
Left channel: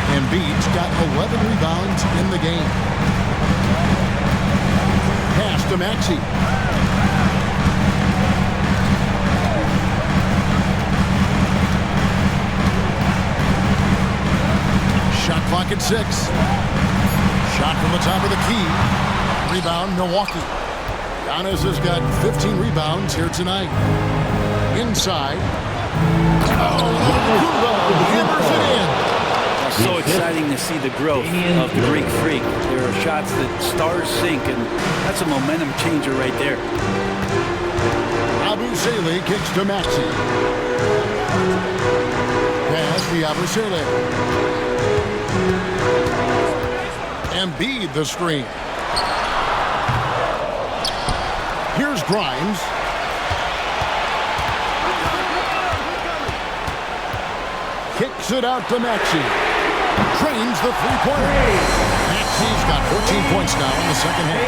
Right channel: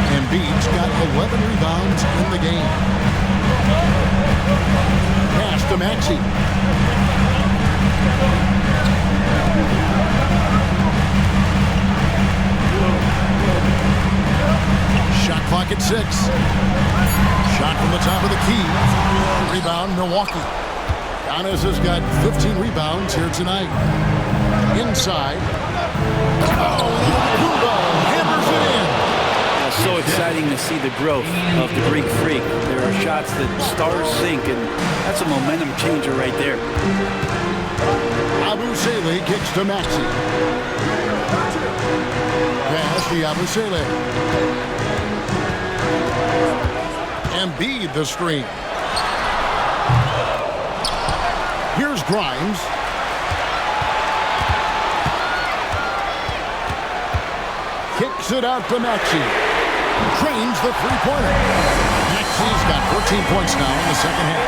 Embiid's got 11 rebounds in the game. Pass to Maxey. Shot clock at 6. Shot from the top of the key. Rebound, Milwaukee. Giannis has got 15 rebounds here tonight. Inside. Oh, Antetokounmpo hammers it in. So exciting to see the growth of the Greek Freak. There are shots that stars sink, and that's a momentum changer right there. Abu Saleh kicks to Maxey. Pass to Abu Saleh. Embiid the screen. Here's Grimes. Kicks it out to Maxey. Trains the three-pointer. Maxey's got 14 points now in the second half.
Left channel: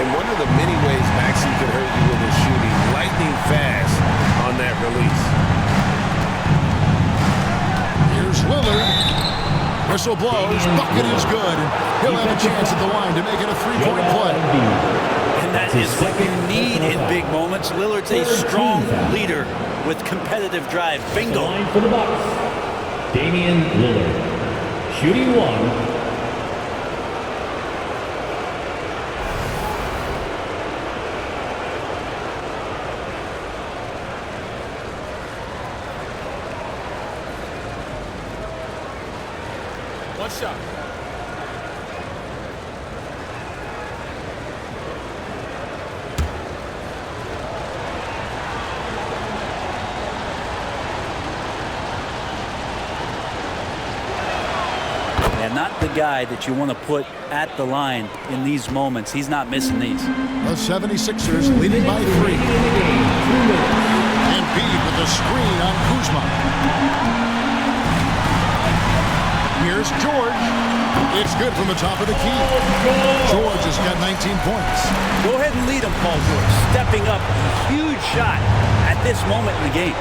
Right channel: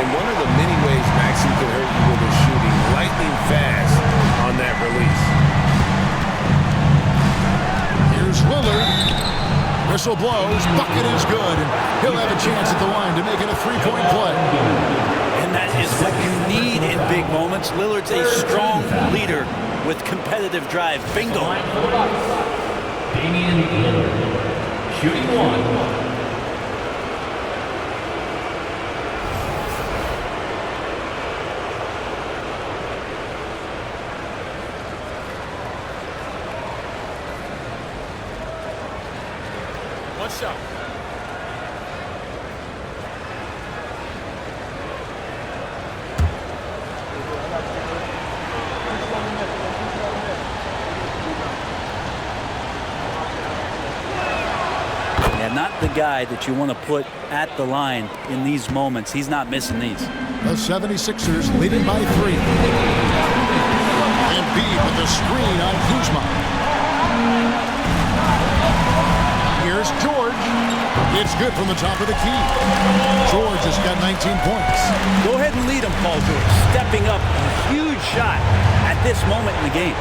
And one of the many ways Maxey could hurt you with his shooting, lightning fast on that release. Here's Lillard. Whistle blows. Bucket is good. And he'll have a chance at the line to make it a three-point play. And that is what you need in big moments. Lillard's a strong leader with competitive drive. Bingo. Line for the Bucks. Damian Lillard. Shooting 1. One shot. And not the guy that you want to put at the line in these moments. He's not missing these. The 76ers leading by 3. Embiid with the screen on Kuzma. Here's George. It's good from the top of the key. George has got 19 points. Go ahead and lead him, Paul George. Stepping up, a huge shot at this moment in the game.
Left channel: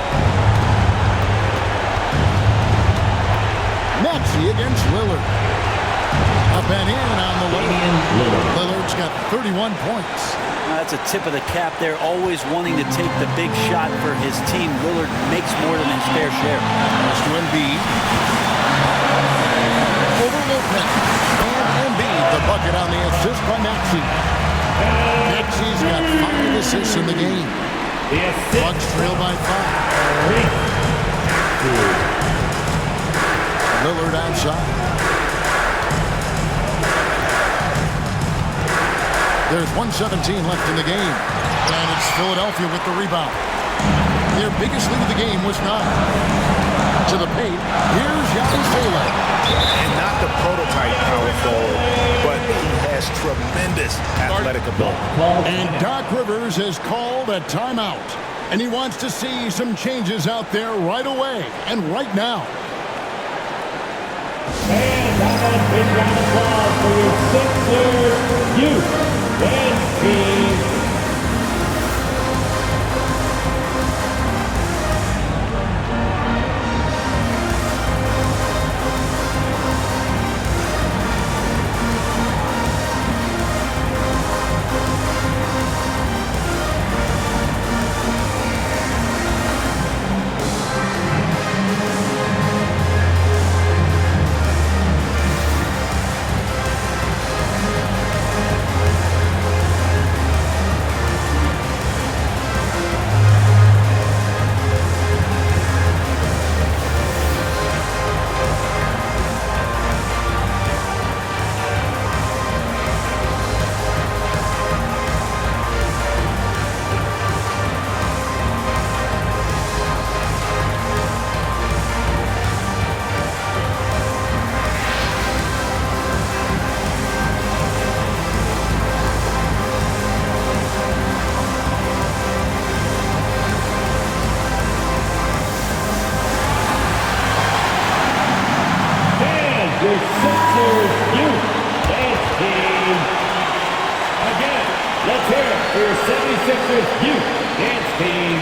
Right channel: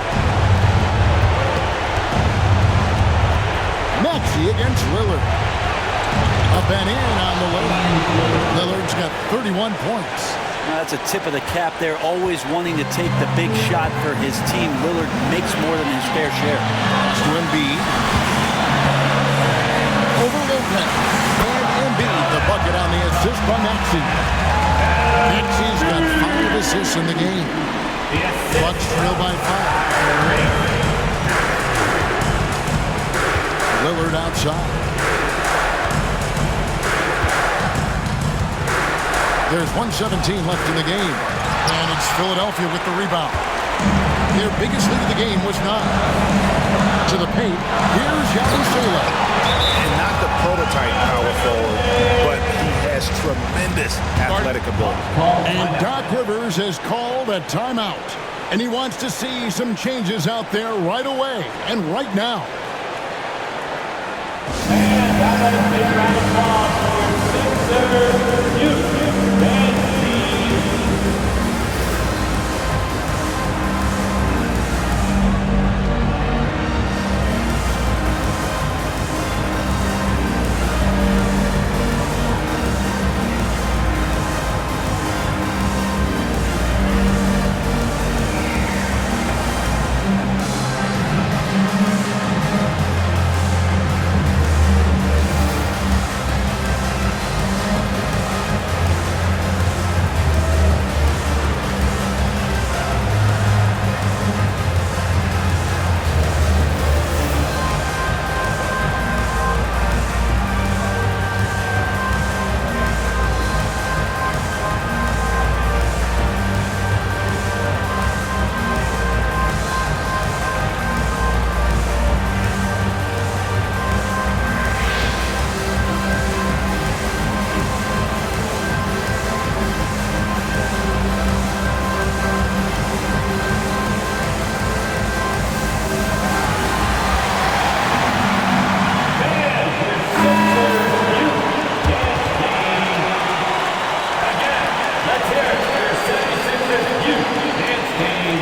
Maxey against Lillard. Up and in on the layup. Lillard's got 31 points. That's a tip of the cap there, always wanting to take the big shot for his team. Lillard makes more than his fair share. Pass to Embiid. Over Lopez. And Embiid, the bucket on the assist by Maxey. Maxey's got 5 assists in the game. Bucks trail by 5. Lillard outside. There's 1:17 left in the game. And it's Philadelphia with the rebound. Their biggest lead of the game was 9. To the paint. Here's Saleh. And not the prototype power forward, but he has tremendous athletic ability. And Doc Rivers has called a timeout. And he wants to see some changes out there right away and right now. And that is a big round of applause for your Sixers youth and team. your 76ers Youth Dance Team.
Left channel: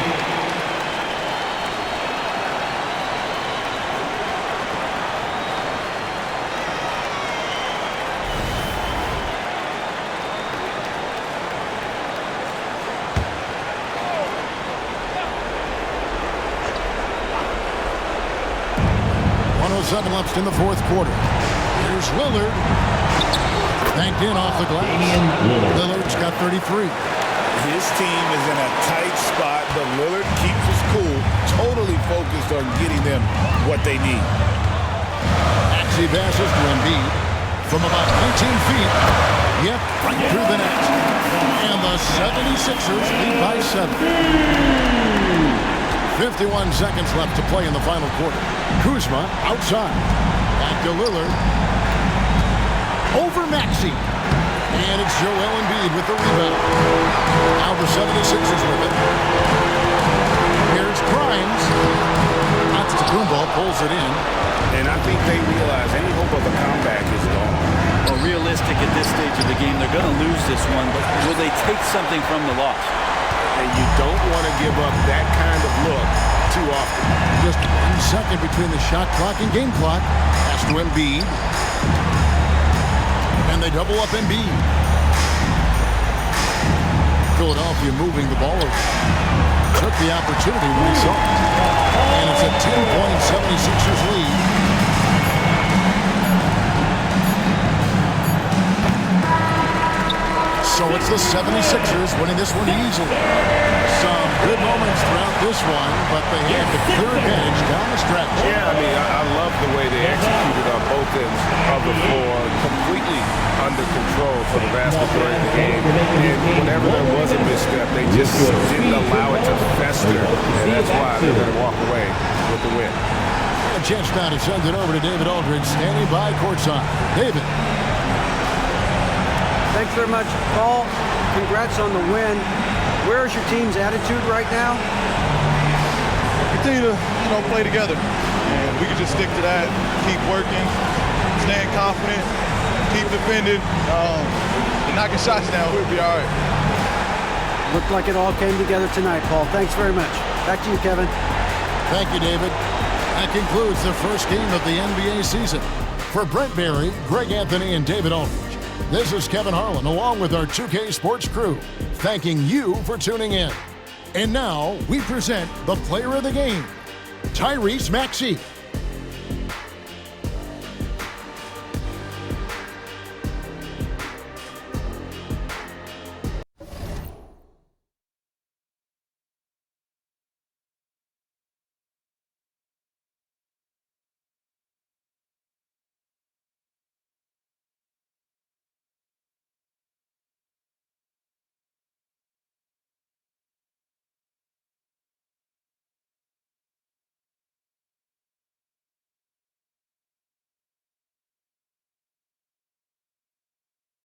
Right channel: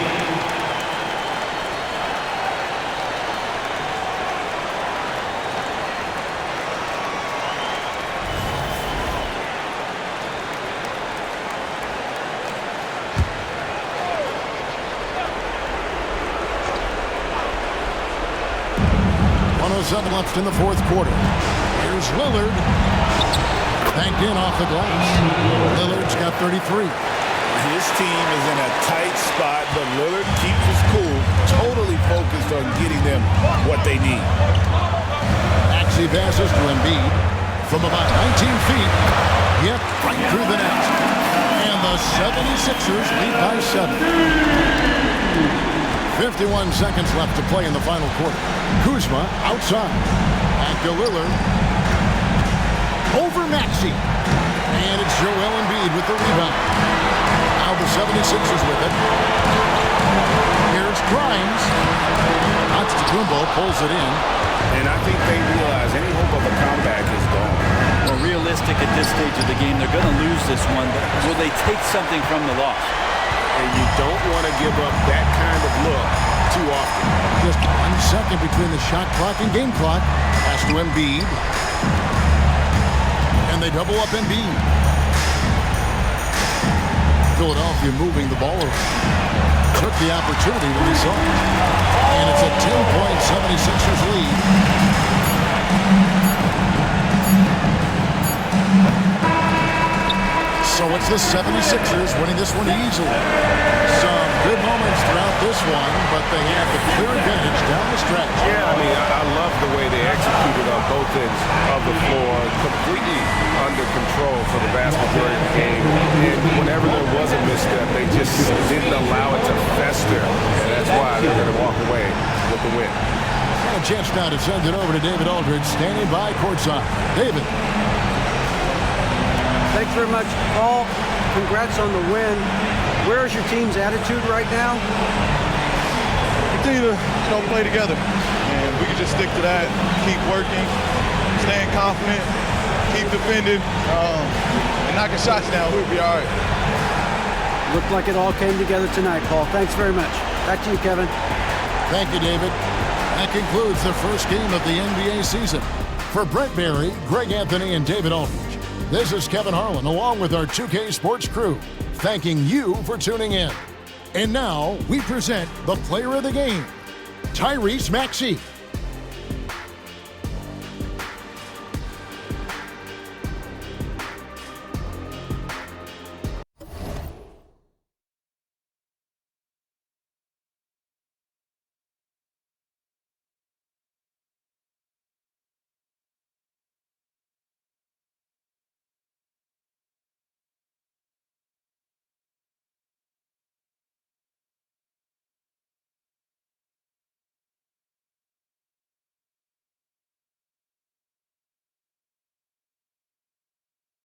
.107 left in the fourth quarter. Here's Lillard. Banked in off the glass. Lillard's got 33. His team is in a tight spot, but Lillard keeps his cool, totally focused on getting them what they need. Maxey passes to Embiid from about 19 feet. Yep, right through the net. And the 76ers lead by 7. 51 seconds left to play in the final quarter. Kuzma outside. Back to Lillard. Over Maxey. And it's Joel Embiid with the rebound. Now the 76ers with it. Here's Grimes. Antetokounmpo pulls it in. And I think they realize any hope of a comeback is gone. Well, realistic at this stage of the game, they're going to lose this one, but will they take something from the loss? And you don't want to give up that kind of look too often. Just 1 second between the shot clock and game clock. Pass to Embiid. And they double up Embiid. Philadelphia moving the ball around. Took the opportunity when he saw it. And it's a 10-point 76ers lead. So it's the 76ers winning this one easily. Some good moments throughout this one, but they have the clear advantage down the stretch. Yeah, I mean, I love the way they executed on both ends of the floor, completely under control for the vast majority of the game. And whenever there was a misstep, they just didn't allow it to fester, and that's why they're going to walk away with the win. And a chance now to send it over to David Aldridge, standing by courtside. David. Thanks very much, Paul. Congrats on the win. Where's your team's attitude right now? Continue to, play together, and we can just stick to that. Keep working, staying confident, keep defending, and knocking shots down. We'll be all right. Looked like it all came together tonight, Paul. Thanks very much. Back to you, Kevin. Thank you, David. That concludes the first game of the NBA season. For Brent Barry, Greg Anthony, and David Aldridge, this is Kevin Harlan, along with our 2K Sports crew, thanking you for tuning in. And now, we present the player of the game, Tyrese Maxey.